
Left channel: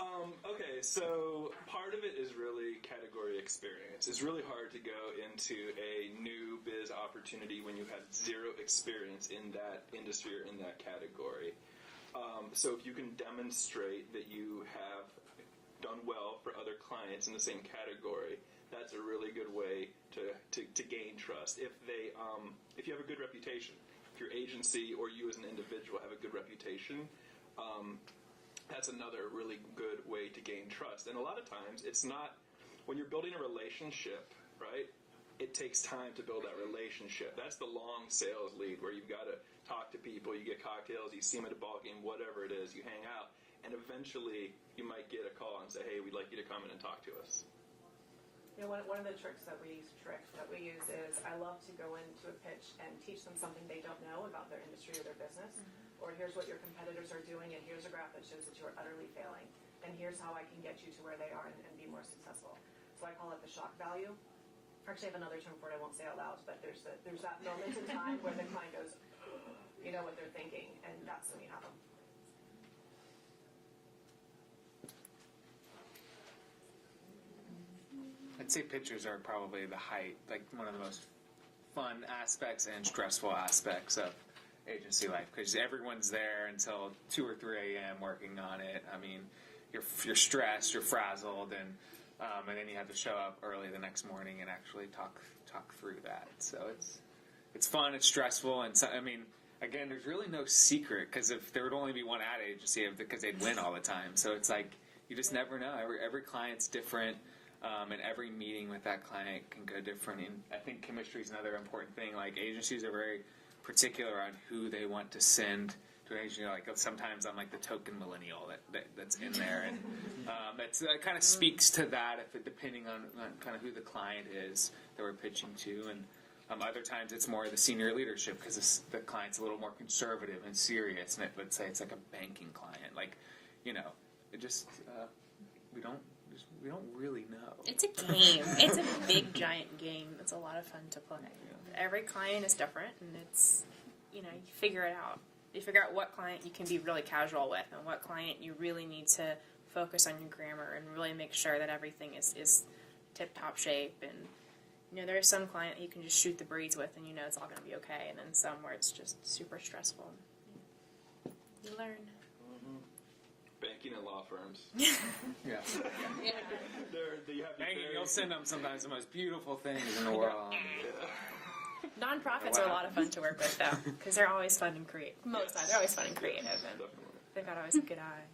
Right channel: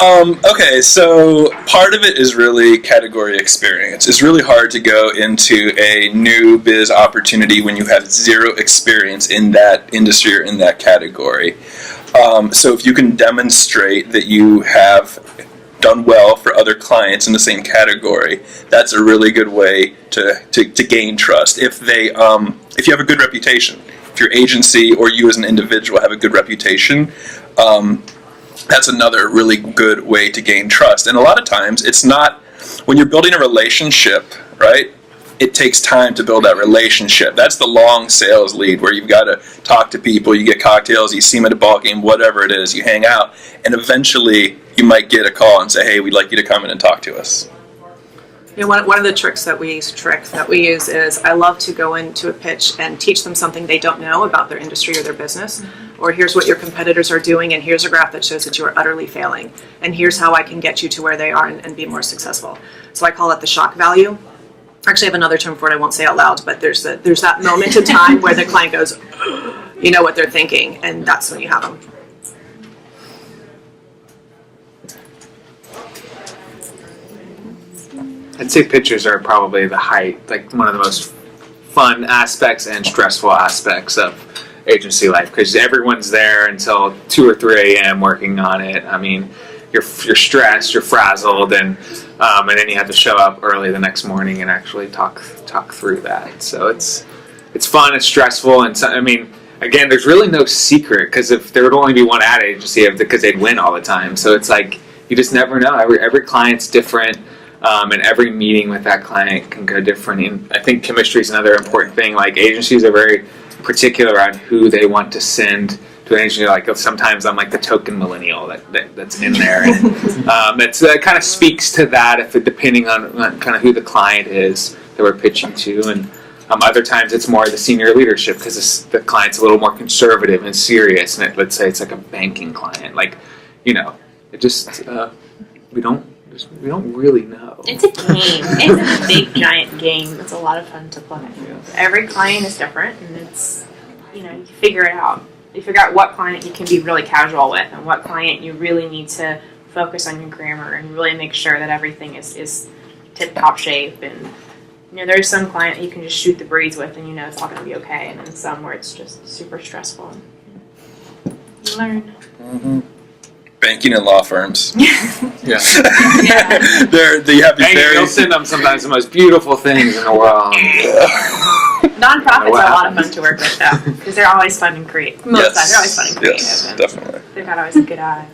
Okay, so part of it is really category experience. It's really hard to go into a new biz opportunity when you have zero experience in that industry or in that category. So if you can demonstrate that you have done well for other clients in the same category, that's a really good way to gain trust. If you have a good reputation, if your agency or you as an individual have a good reputation, that's another really good way to gain trust. And a lot of times, it's not, when you're building a relationship, right, it takes time to build that relationship. That's the long sales lead where you've got to talk to people, you get cocktails, you see them at a ball game, whatever it is, you hang out, and eventually you might get a call and say, hey, we'd like you to come in and talk to us. One of the tricks that we use is I love to go into a pitch and teach them something they don't know about their industry or their business. Or here's what your competitors are doing, and here's a graph that shows that you are utterly failing. And here's how I can get you to where they are and be more successful. So I call it the shock value. Actually, I have another term for it I won't say out loud, but there's that moment in time where the client goes, you know what they're thinking, and that's when you have them. I'd say pitches are probably the like one of the most fun aspects and stressful aspects of agency life, because everyone's there until 2 or 3 a.m. working on it. I mean, you're stressed, you're frazzled, and then you have to show up early the next morning and actually talk through that. So it's fun, it's stressful, and so, I mean, again, there's really no secret, because if there would only be one ad agency, because they'd win all the time. So it's like you just never know. Every client's different. And every meeting with that client can go different. And I think chemistry is another important thing. Like, agencies are very particular on who they want to send to an agency. Like, sometimes I'm like the token millennial that's in there. And that kind of speaks to that, depending on kind of who the client is that we're pitching to. And other times it's more the senior leadership, because the client's a little more conservative and serious. And let's say it's like a banking client. Like, it just, we don't really know. It's a game. It's a big, giant game. It's a lot of fun to play. Every client is different, and it's, you figure it out. You figure out what client you can be really casual with, and what client you really need to focus on your grammar and really make sure that everything is tip-top shape. And, there's some client you can just shoot the breeze with, and it's all going to be okay. And then some where it's just super stressful. You learn. Mm-hmm. Banking and law firms. Yeah. They have these You'll send them sometimes the most beautiful things in the world. Nonprofits are a lot of fun to work with, though, because they're always fun and creative. Most of the time, they're always fun and creative. Yes, definitely. They've got always a good eye.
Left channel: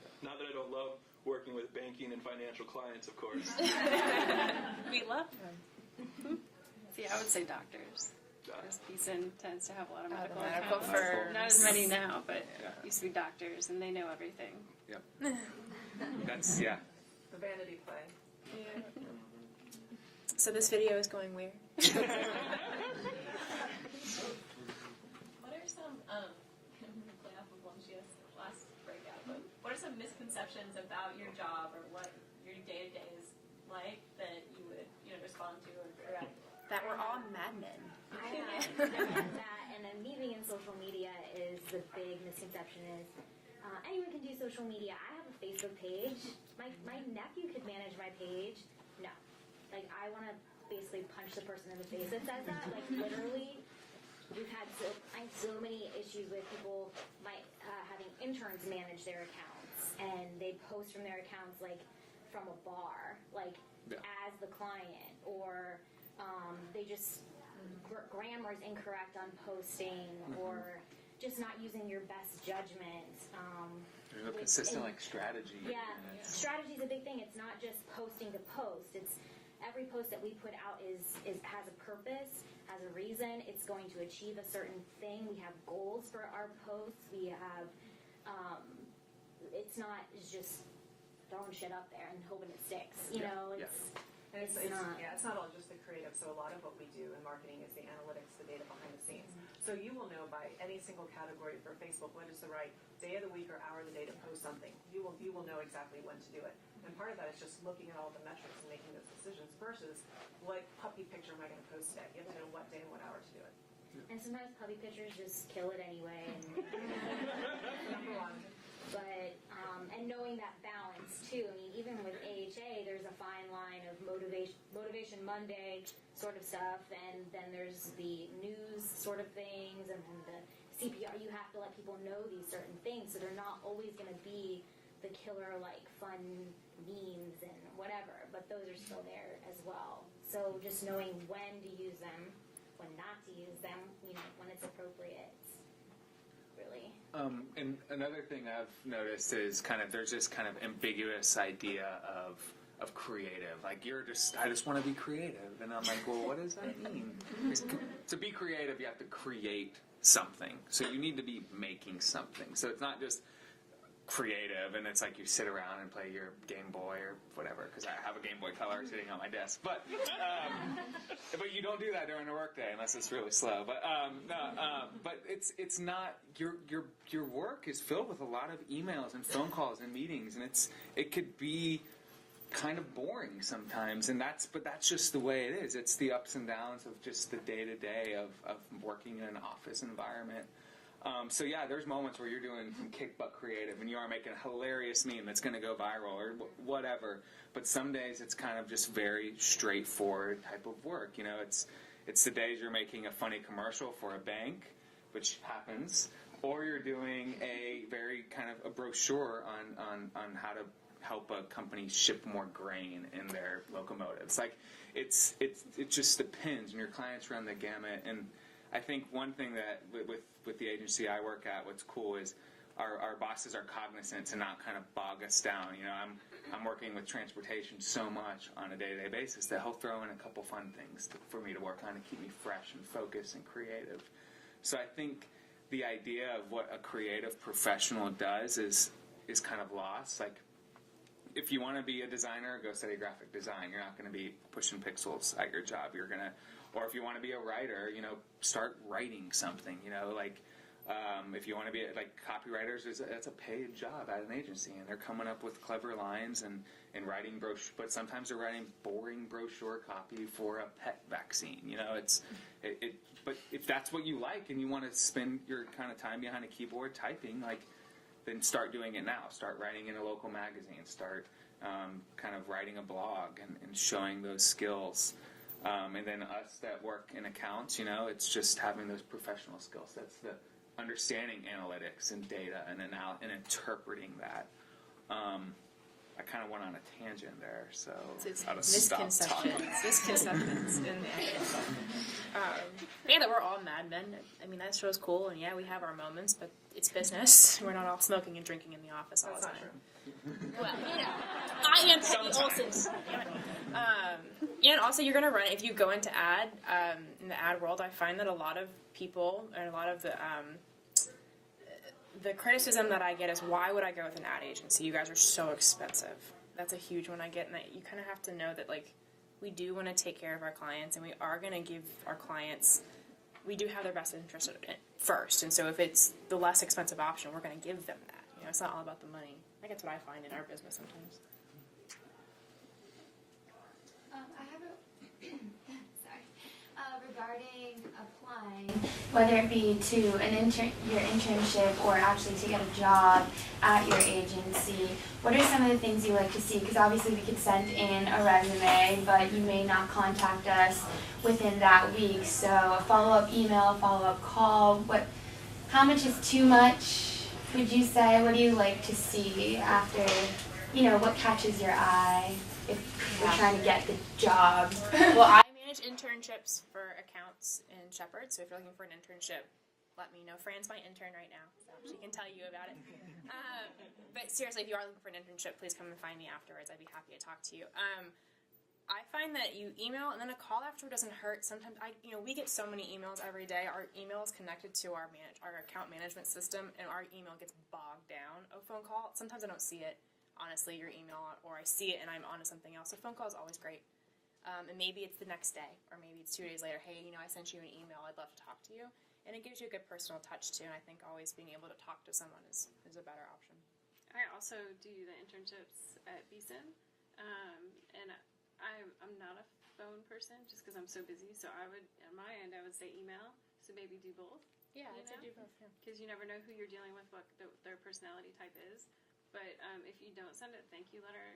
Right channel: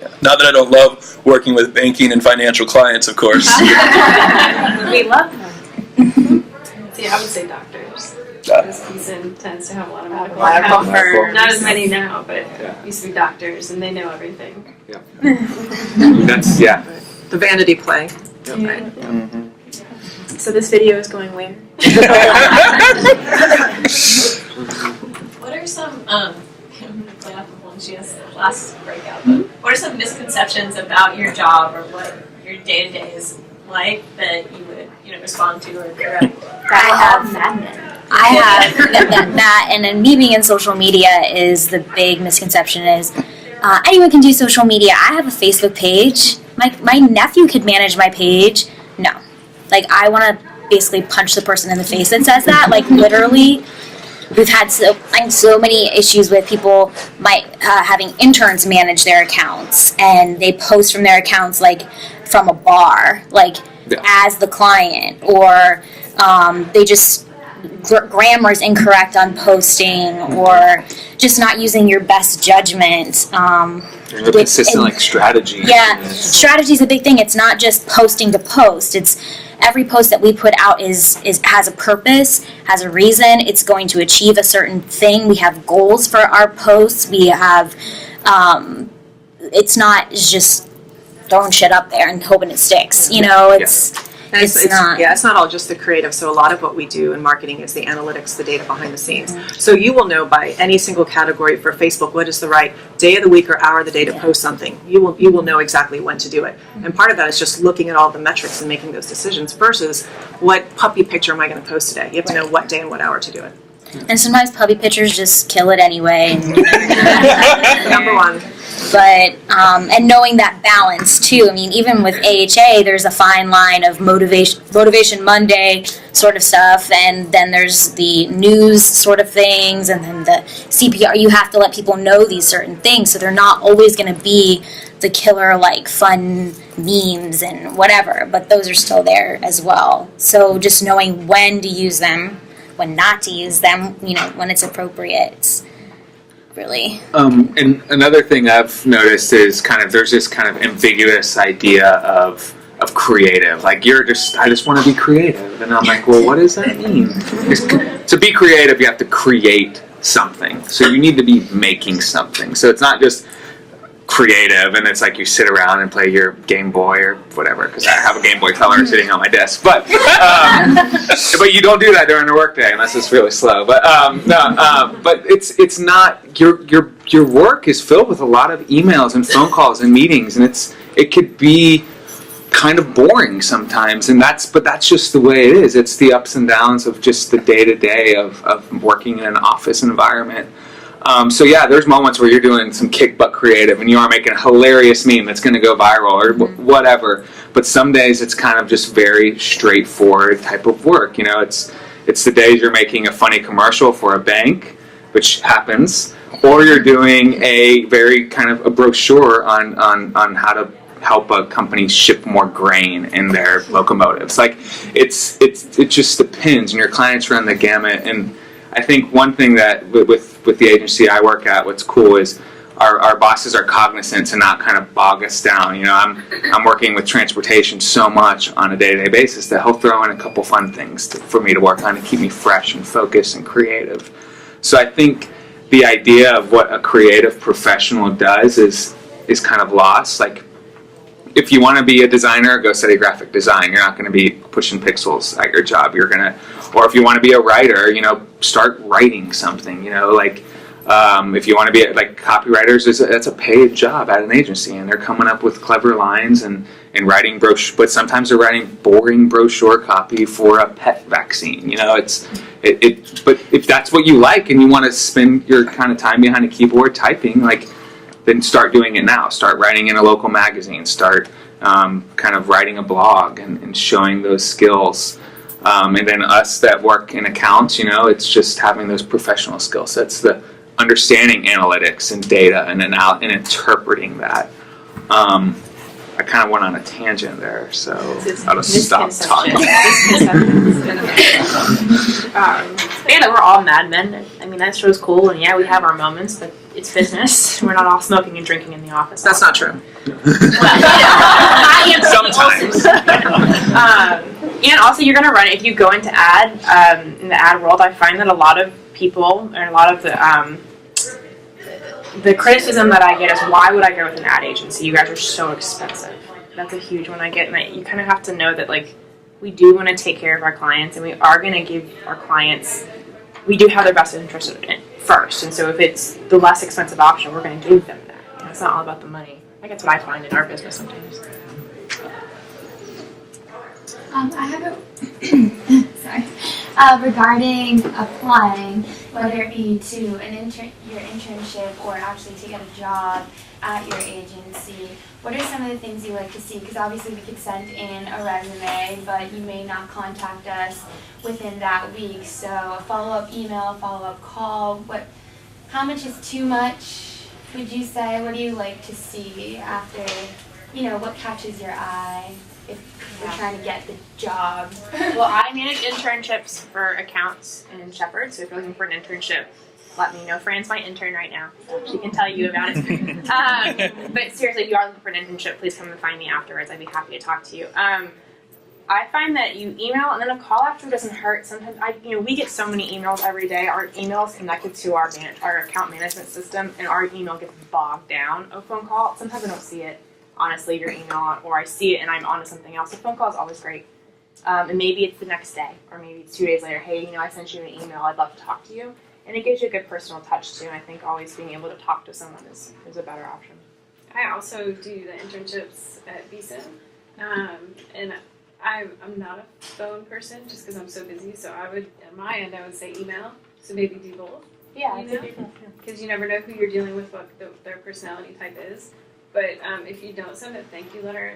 Yeah. Not that I don't love working with banking and financial clients, of course. We love them. See, I would say doctors. Because Beeson tends to have a lot of medical firms. Not as many now, but used to be doctors, and they know everything. Yeah. That's, yeah. The vanity play. Yep. Right. Mm-hmm. So this video is going where? are some play off of one she has last breakout, but what are some misconceptions about your job or what your day to day is like that you would respond to or correct? I have that, and then me being in social media is the big misconception is anyone can do social media. I have a Facebook page. My nephew could manage my page. No, like I want to basically punch the person in the face that says that. Like literally, we've had so many issues with people having interns manage their accounts, and they post from their accounts like from a bar, like as the client, or they just grammar is incorrect on posting, or just not using your best judgment. Consistent like strategy. Yeah, strategy is a big thing. It's not just posting to post. It's every post that we put out is has a purpose, has a reason. It's going to achieve a certain thing. We have goals for our posts. We have. It's not just throwing shit up there and hoping it sticks. You know, it's not. Yeah, it's not all just the creative. So a lot of what we do in marketing is the analytics, the data behind the scenes. So you will know by any single category for Facebook what is the right day of the week or hour of the day to post something. You will know exactly when to do it. And part of that is just looking at all the metrics and making those decisions versus what puppy picture am I going to post today. You have to know what day and what hour to do it. And sometimes puppy pictures just kill it anyway. Number one. But and knowing that balance too. I mean, even with AHA, there's a fine line of motivation Monday sort of stuff, and then there's the news sort of things, and then the CPR. You have to let people know these certain things, so they're not always going to be the killer like fun memes and whatever. But those are still there as well. So just knowing when to use them, when not to use them, when it's appropriate. It's really. And another thing I've noticed is there's this kind of ambiguous idea of creative. Like I just want to be creative, and I'm like, well, what does that mean? To be creative, you have to create something. So you need to be making something. So it's not just creative and it's like you sit around and play your Game Boy or whatever, because I have a Game Boy Color sitting on my desk, but you don't do that during the workday unless it's really slow. But but it's not your work is filled with a lot of emails and phone calls and meetings, and it could be kind of boring sometimes, and that's just the way it is. It's the ups and downs of just the day-to-day of working in an office environment. So yeah, there's moments where you're doing some kick butt creative and you are making a hilarious meme that's going to go viral or whatever. But some days it's kind of just very straightforward type of work. It's the days you're making a funny commercial for a bank, which happens, or you're doing a very kind of a brochure on how to help a company ship more grain in their locomotives. Like it just depends, and your clients run the gamut. And I think one thing that with the agency I work at, what's cool is our bosses are cognizant to not kind of bog us down. I'm working with transportation so much on a day-to-day basis that he'll throw in a couple fun things for me to work on to keep me fresh and focused and creative. So I think the idea of what a creative professional does is kind of lost. Like, if you want to be a designer, go study graphic design. You're not going to be pushing pixels at your job. Or if you want to be a writer, start writing something. If you want to be like copywriters, that's a paid job at an agency, and they're coming up with clever lines and writing brochure. But sometimes they're writing boring brochure copy for a pet vaccine. But if that's what you like and you want to spend your kind of time behind a keyboard typing, then start doing it now. Start writing in a local magazine. Start kind of writing a blog and showing those skills. And then us that work in accounts, it's just having those professional skill sets, the understanding analytics and data and interpreting that. I kind of went on a tangent there, so I'll just stop talking. Yeah, we're all madmen. I mean, that show's cool, and yeah, we have our moments, but it's business. We're not all smoking and drinking in the office. That's not true. I am sometimes. And also, you're going to run it. If you go into in the ad world, I find that a lot of people, and a lot of the criticism that I get is, why would I go with an ad agency? You guys are so expensive. That's a huge one I get, and you kind of have to know that, we do want to take care of our clients, and we are going to give our clients, we do have their best interest first. And so if it's the less expensive option, we're going to give them that. You know, it's not all about the money. I think that's what I find in our business sometimes. I have a sorry. Regarding applying, whether it be to your internship or actually to get a job at your agency, what are some of the things you like to see? Because obviously we could send in a resume, but you may not contact us within that week. So a follow-up email, a follow-up call, how much is too much, would you say? What do you like to see after, what catches your eye if we're trying to get the job? Well, I manage internships for accounts in Shepherd, so if you're looking for an internship, let me know. Fran's my intern right now, so she can tell you about it. But seriously, if you are looking for an internship, please come and find me afterwards. I'd be happy to talk to you. I find that you email and then a call after doesn't hurt. Sometimes we get so many emails every day. Our email is connected to our account management system, and our email gets bogged down. A phone call, sometimes I don't see it. Honestly, your email, or I see it and I'm on to something else. A phone call is always great. And maybe it's the next day, or maybe it's 2 days later. Hey, I sent you an email. I'd love to talk to you. And it gives you a good personal touch too. And I think always being able to talk to someone is a better option. I also do the internships at BSIN, and I'm not a phone person just because I'm so busy. So I would, on my end, I would say email. So maybe do both. Yeah, because you never know who you're dealing with, what their personality type is. But if you don't send a thank you letter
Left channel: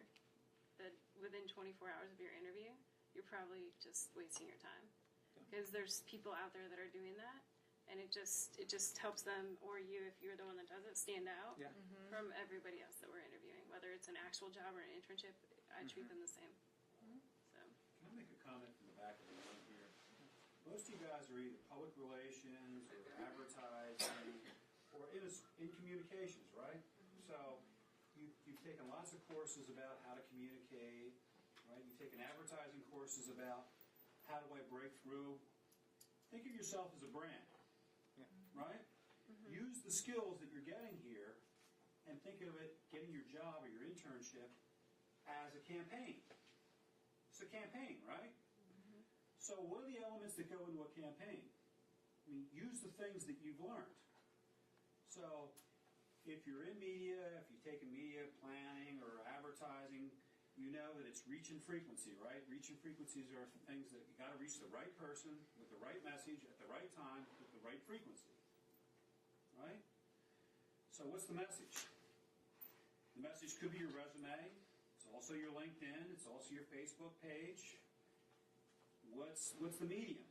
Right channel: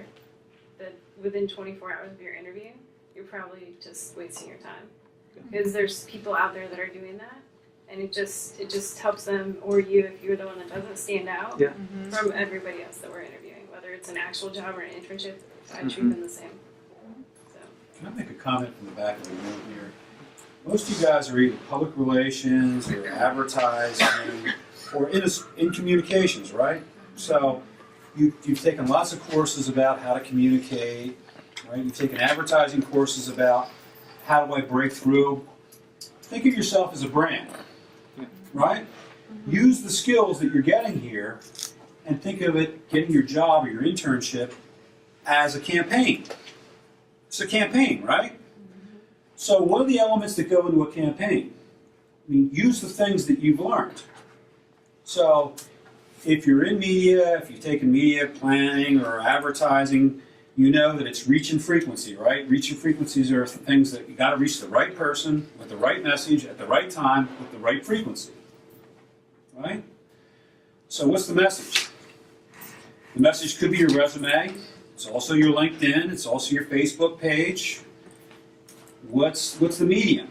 within 24 hours of your interview, you're probably just wasting your time. Because there's people out there that are doing that, and it just helps them, or you, if you're the one that doesn't stand out from everybody else that we're interviewing, whether it's an actual job or an internship. I treat them the same. Can I make a comment from the back of the room here? Most of you guys are either public relations or advertising or in communications, right? So you've taken lots of courses about how to communicate, right? You've taken advertising courses about how do I break through. Think of yourself as a brand, right? Use the skills that you're getting here and think of it, getting your job or your internship, as a campaign. It's a campaign, right? So what are the elements that go into a campaign? I mean, use the things that you've learned. So if you're in media, if you've taken media planning or advertising, you know that it's reach and frequency, right? Reach and frequencies are things that you got to reach the right person with the right message at the right time with the right frequency, right? So what's the message? The message could be your resume. It's also your LinkedIn. It's also your Facebook page. What's the medium?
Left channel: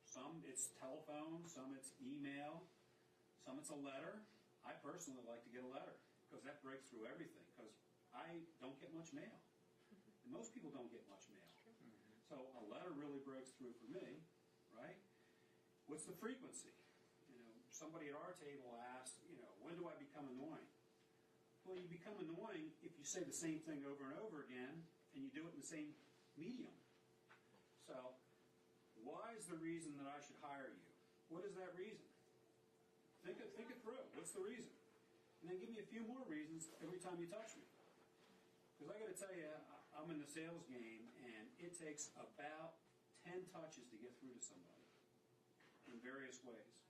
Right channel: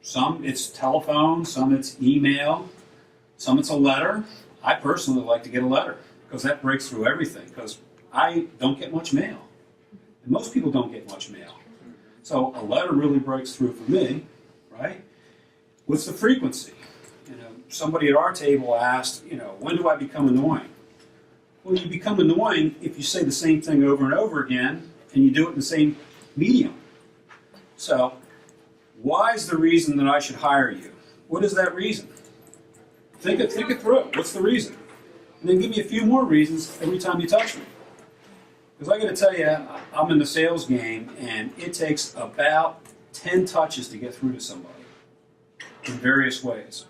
Some it's telephone, some it's email, some it's a letter. I personally like to get a letter because that breaks through everything, because I don't get much mail. And most people don't get much mail. So a letter really breaks through for me, right? What's the frequency? Somebody at our table asked, when do I become annoying? Well, you become annoying if you say the same thing over and over again and you do it in the same medium. So, why is the reason that I should hire you? What is that reason? Think it through. What's the reason? And then give me a few more reasons every time you touch me. Because I got to tell you, I'm in the sales game, and it takes about 10 touches to get through to somebody in various ways.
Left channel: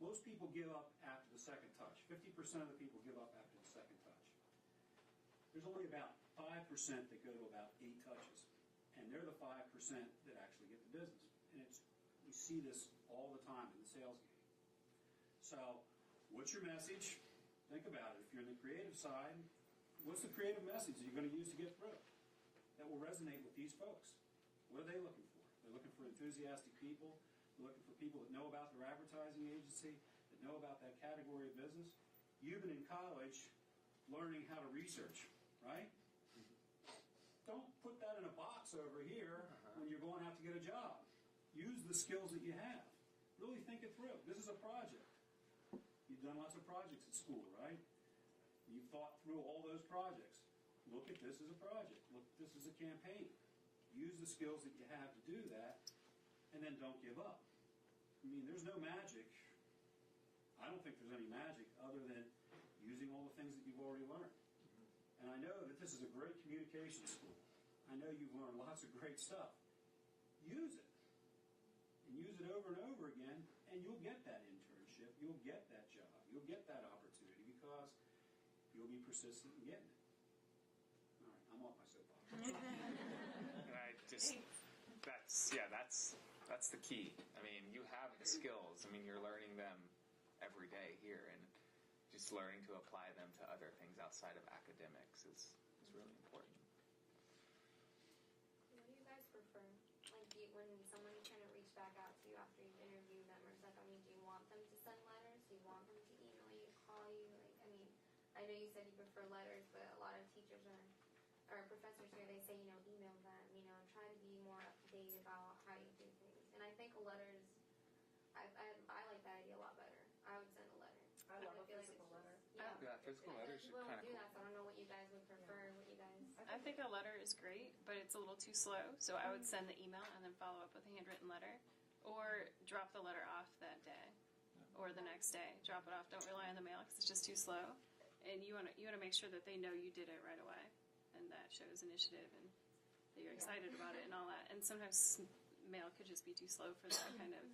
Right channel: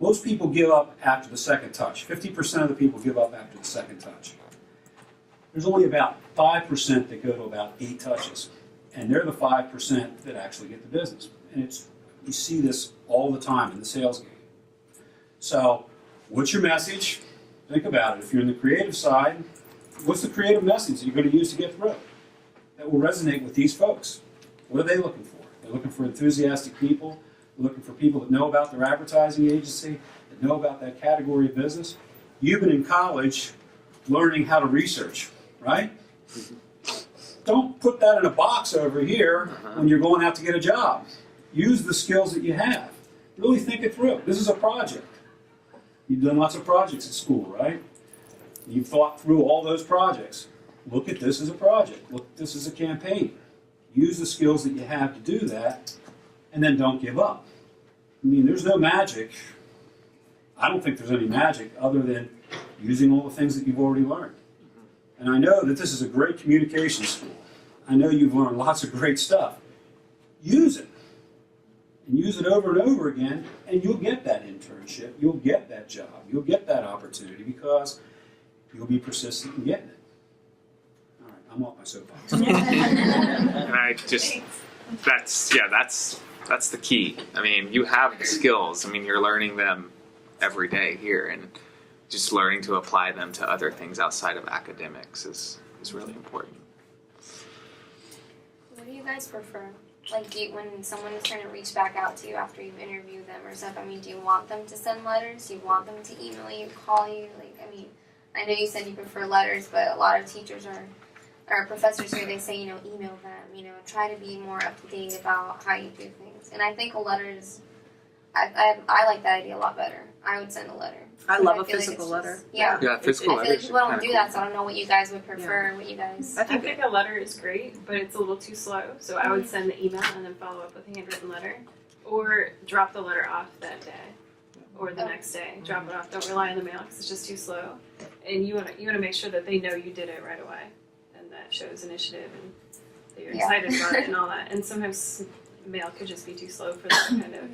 Most people give up after the second touch. 50% of the people give up after the second touch. There's only about 5% that go to about 8 touches. And they're the 5% that actually get the business. And you see this all the time in the sales game. So, what's your message? Think about it. If you're in the creative side, what's the creative message that you're going to use to get through that will resonate with these folks? What are they looking for? They're looking for enthusiastic people. They're looking for people that know about their advertising agency, that know about that category of business. You've been in college learning how to research, right? Don't put that in a box over here when you're going out to get a job. Use the skills that you have. Really think it through. This is a project. You've done lots of projects at school, right? You've thought through all those projects. Look at this as a project. Look at this as a campaign. Use the skills that you have to do that, and then don't give up. I mean, there's no magic. I don't think there's any magic other than using all the things that you've already learned. And I know that this is a great communication school. I know you've learned lots of great stuff. Use it. and use it over and over again, and you'll get that internship, you'll get that job, you'll get that opportunity because you'll be persistent in getting it. All right, I'm off my soapbox. And I just, that's the key. I mean, you have the skills. I mean, you're learning them every day here, and just learning to apply them to other things outside of academics is really important. What do you guys prefer? Like, when someone is trying to reach back out to you after you've interviewed them or stuff, I mean, do you want them to send letters? Do you want them to email you, call you? Like, I mean, I know you said you prefer letters, but a lot of teachers or professors here, they say, email them, try to be more up to date about how you do things. And I think a letter is, I like that idea a lot better. I would send a letter. I love a feel like physical it's letter. just- yeah. Yeah, physical I feel like letters people are don't kinda do that, so I don't know what you guys would prefer, what you guys... I think a letter is great, but it's a little too slow. So I would send the email and then follow up with a handwritten letter, or drop the letter off that day, or the next day. Drop it off. Don't rely on the mail because it's just too slow. And you want to make sure that they know you did it right away, and that shows initiative and that you're excited about it and all that. And sometimes mail could just be too slow for that kind of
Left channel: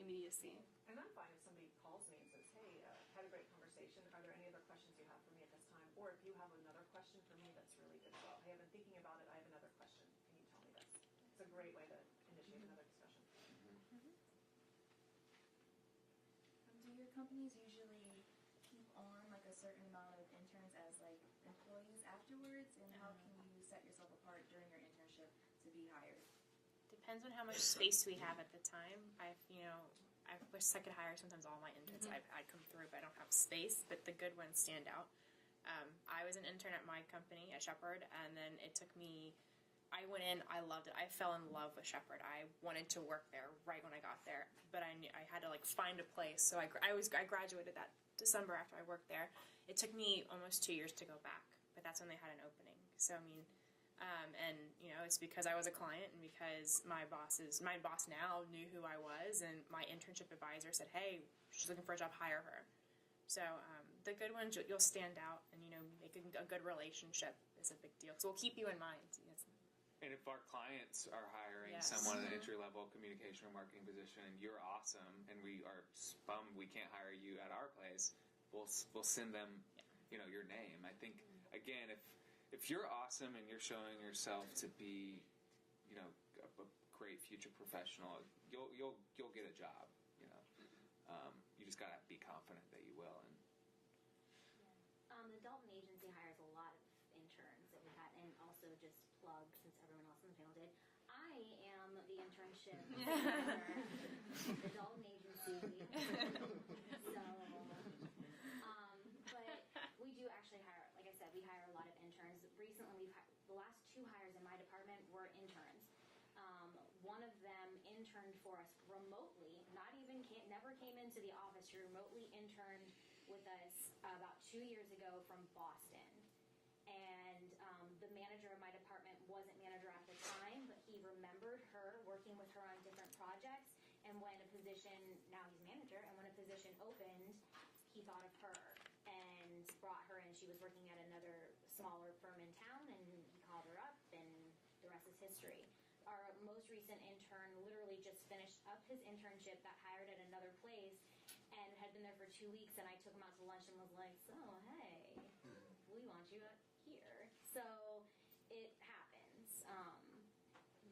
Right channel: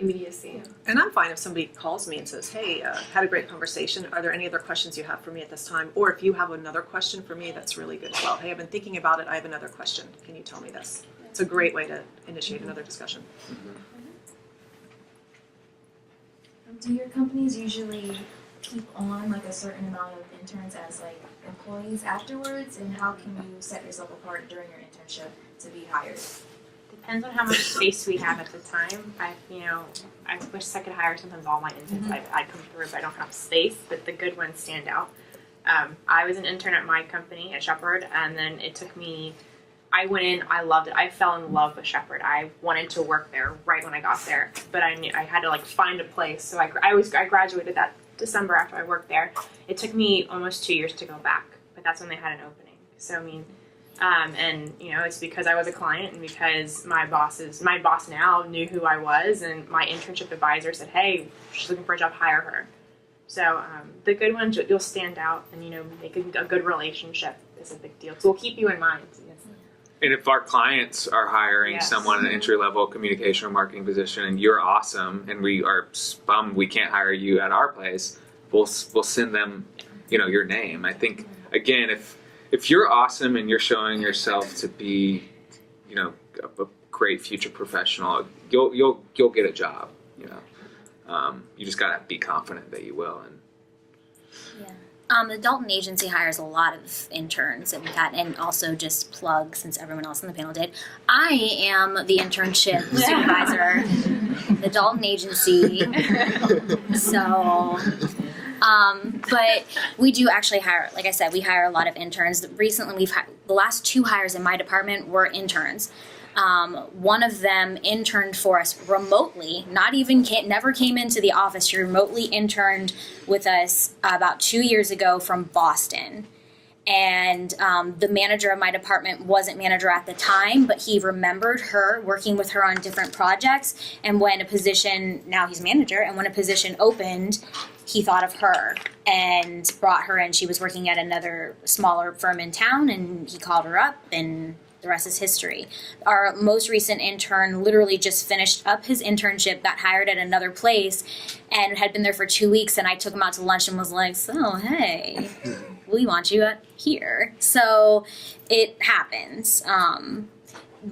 immediacy. And I'm fine if somebody calls me and says, hey, had a great conversation. Are there any other questions you have for me at this time? Or if you have another question for me, that's really good as well. Hey, I've been thinking about it. I have another question. Can you tell me this? It's a great way to initiate another discussion. Do your companies usually keep on like a certain amount of interns as like employees afterwards? And how can you set yourself apart during your internship to be hired? Depends on how much space we have at the time. I wish I could hire sometimes all my interns. I come through, but I don't have space. But the good ones stand out. I was an intern at my company at Shepherd, and then it took me. I went in. I loved it. I fell in love with Shepherd. I wanted to work there right when I got there, but I knew I had to find a place. So I graduated that December after I worked there. It took me almost 2 years to go back, but that's when they had an opening. So I mean. And it's because I was a client and because my boss now knew who I was, and my internship advisor said, hey, she's looking for a job, hire her. So the good ones, you'll stand out and make a good relationship is a big deal. So we'll keep you in mind. And if our clients are hiring someone in an entry-level communication or marketing position and you're awesome and we are bummed we can't hire you at our place, we'll send them your name. I think, again, if you're awesome and you're showing yourself to be, a great future professional, you'll get a job. You just gotta be confident that you will. The Dalton agency hires a lot of interns and also just plug, since everyone else on the panel did. I am the internship supervisor, the Dalton agency. So. But we do actually hire, like I said, we hire a lot of interns. Recently, the last 2 hires in my department were interns. One of them interned for us remotely, never came into the office. She remotely interned with us about 2 years ago from Boston. And the manager of my department wasn't manager at the time, but he remembered her, working with her on different projects. And when a position, now he's manager, and when a position opened, he thought of her and brought her in. She was working at another smaller firm in town, and he called her up, and the rest is history. Our most recent intern literally just finished up his internship, got hired at another place, and had been there for 2 weeks, and I took him out to lunch and was like, so, hey, we want you here. So it happens.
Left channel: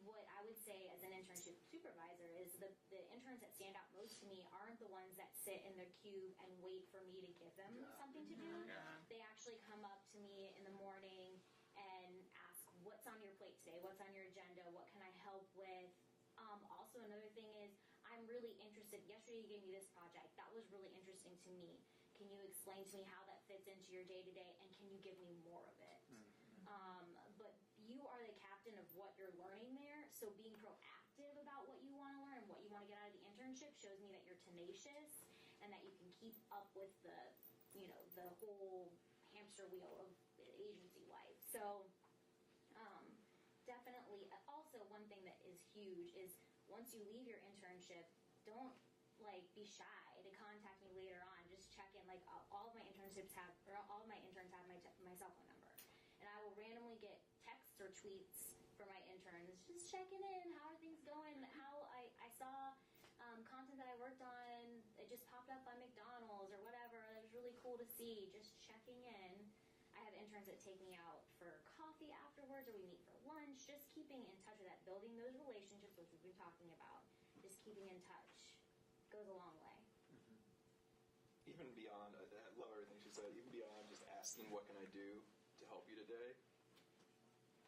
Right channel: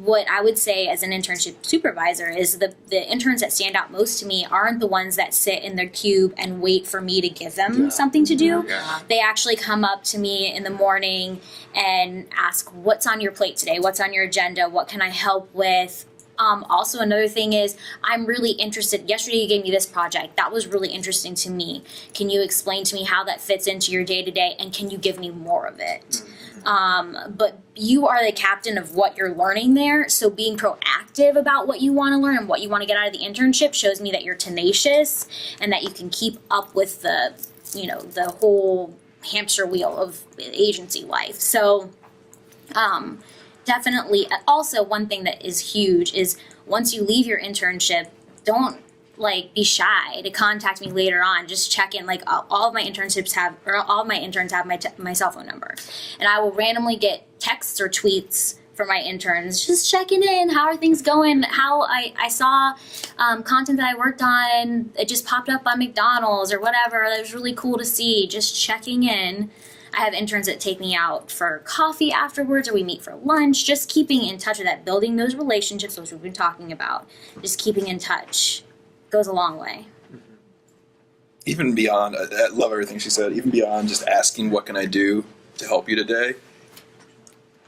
What I would say as an internship supervisor is the interns that stand out most to me aren't the ones that sit in their cube and wait for me to give them something to do. They actually come up to me in the morning and ask, what's on your plate today? What's on your agenda? What can I help with? Also, another thing is, I'm really interested. Yesterday you gave me this project. That was really interesting to me. Can you explain to me how that fits into your day-to-day, and can you give me more of it? But you are the captain of what you're learning there, so being proactive about what you want to learn and what you want to get out of the internship shows me that you're tenacious and that you can keep up with the whole hamster wheel of agency life. So, definitely. Also, one thing that is huge is once you leave your internship, don't be shy to contact me later on. Just check in. All of my interns have my cell phone number, and I will randomly get texts or tweets for my interns, just checking in. How are things going? How I saw content that I worked on, it just popped up on McDonald's or whatever. That was really cool to see. Just checking in. I have interns that take me out for coffee afterwards, or we meet for lunch. Just keeping in touch with that, building those relationships, which we've been talking about. Just keeping in touch goes a long way. Even beyond, I love everything she said, even beyond just asking what can I do to help you today,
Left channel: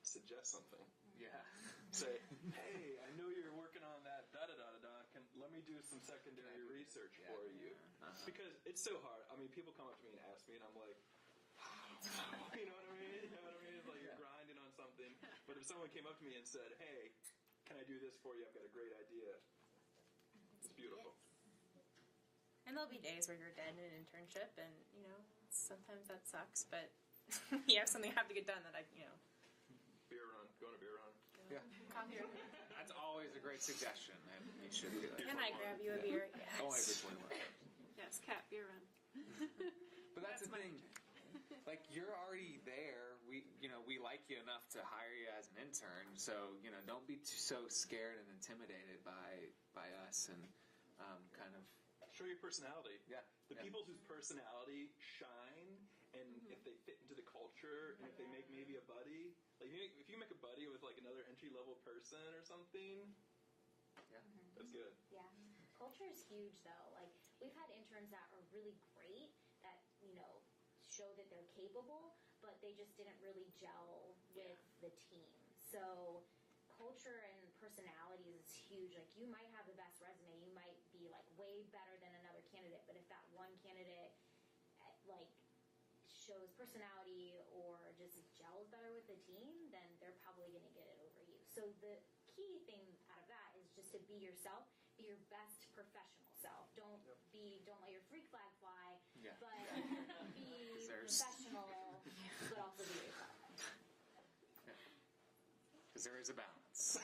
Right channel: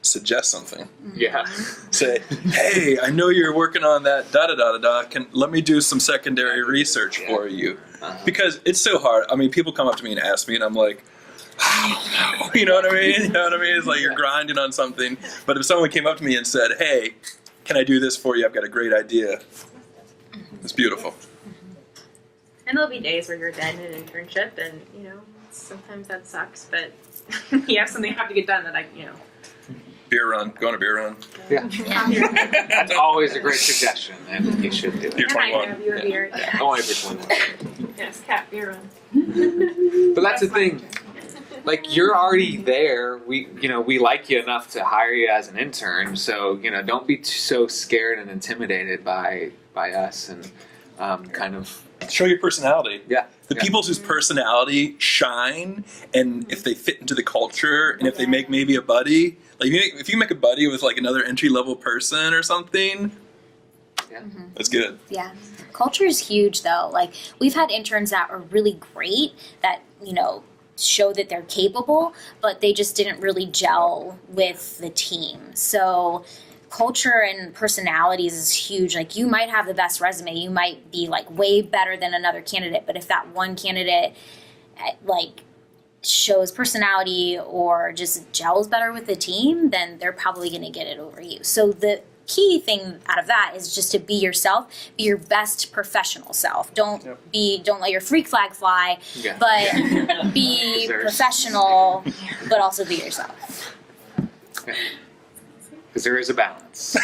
suggest something. Yeah. Say, hey, I know you're working on that da-da-da-da-da, let me do some secondary research for you. Because it's so hard. I mean, people come up to me and ask me, and I'm like, I don't know. You know what I mean? You know what I mean? It's like you're grinding on something. But if someone came up to me and said, hey, can I do this for you? I've got a great idea. It's beautiful. And there'll be days where you're dead in an internship, and you know sometimes that sucks. But you have something you have to get done that Beer run. Go on a beer run. Yeah. That's always a great suggestion, and you should do it. You're 21. have you a beer. Yeah. Only if you're 21. Yes, cat beer run. But that's the thing. Like, you're already there. We like you enough to hire you as an intern. So, don't be so scared and intimidated by us, and kind of show your personality. Yeah. The people whose personality shine, and if they fit into the culture, and if they make maybe a buddy, like if you make a buddy with like another entry level person or something, that's good. Yeah. Culture is huge though. Like, we've had interns that are really great that, show that they're capable, but they just didn't really gel with the team. So culture and personalities is huge. Like, you might have the best resume, you might be like way better than another candidate, but if that one candidate like shows personality or just gels better with the team, then they're probably going to get it over you. So the key thing out of that is just to be yourself, be your best professional self. Don't let your freak flag fly, but be professional, but also be yourself. Because there is a balance.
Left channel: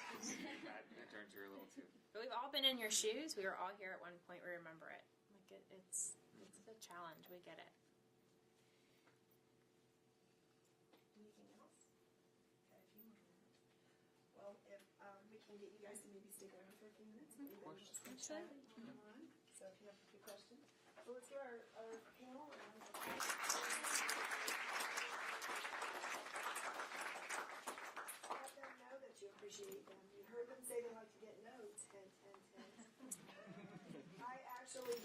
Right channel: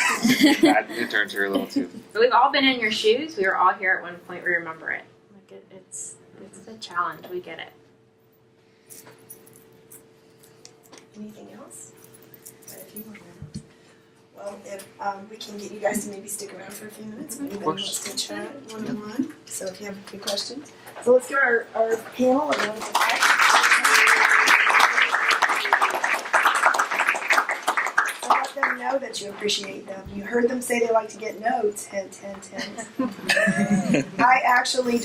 Bad interns are a little too. But we've all been in your shoes. We were all here at one point. We remember it. Like it's a challenge. We get it. Anything else? Well, if we can get you guys to maybe stick around for a few minutes, if anybody wants to chat one-on-one. So if you have a few questions. So let's get our panel. So let them know that you appreciate them. You heard them say they like to get notes. Hint, hint, hint. I actually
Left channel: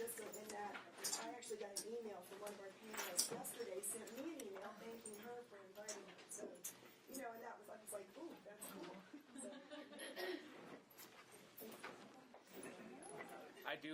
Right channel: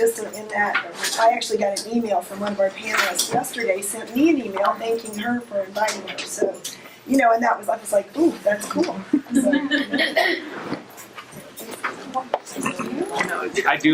I actually got an email from one of our panelists yesterday, sent me an email thanking her for inviting her. So, and that was, I was like, ooh, that's cool. So, I do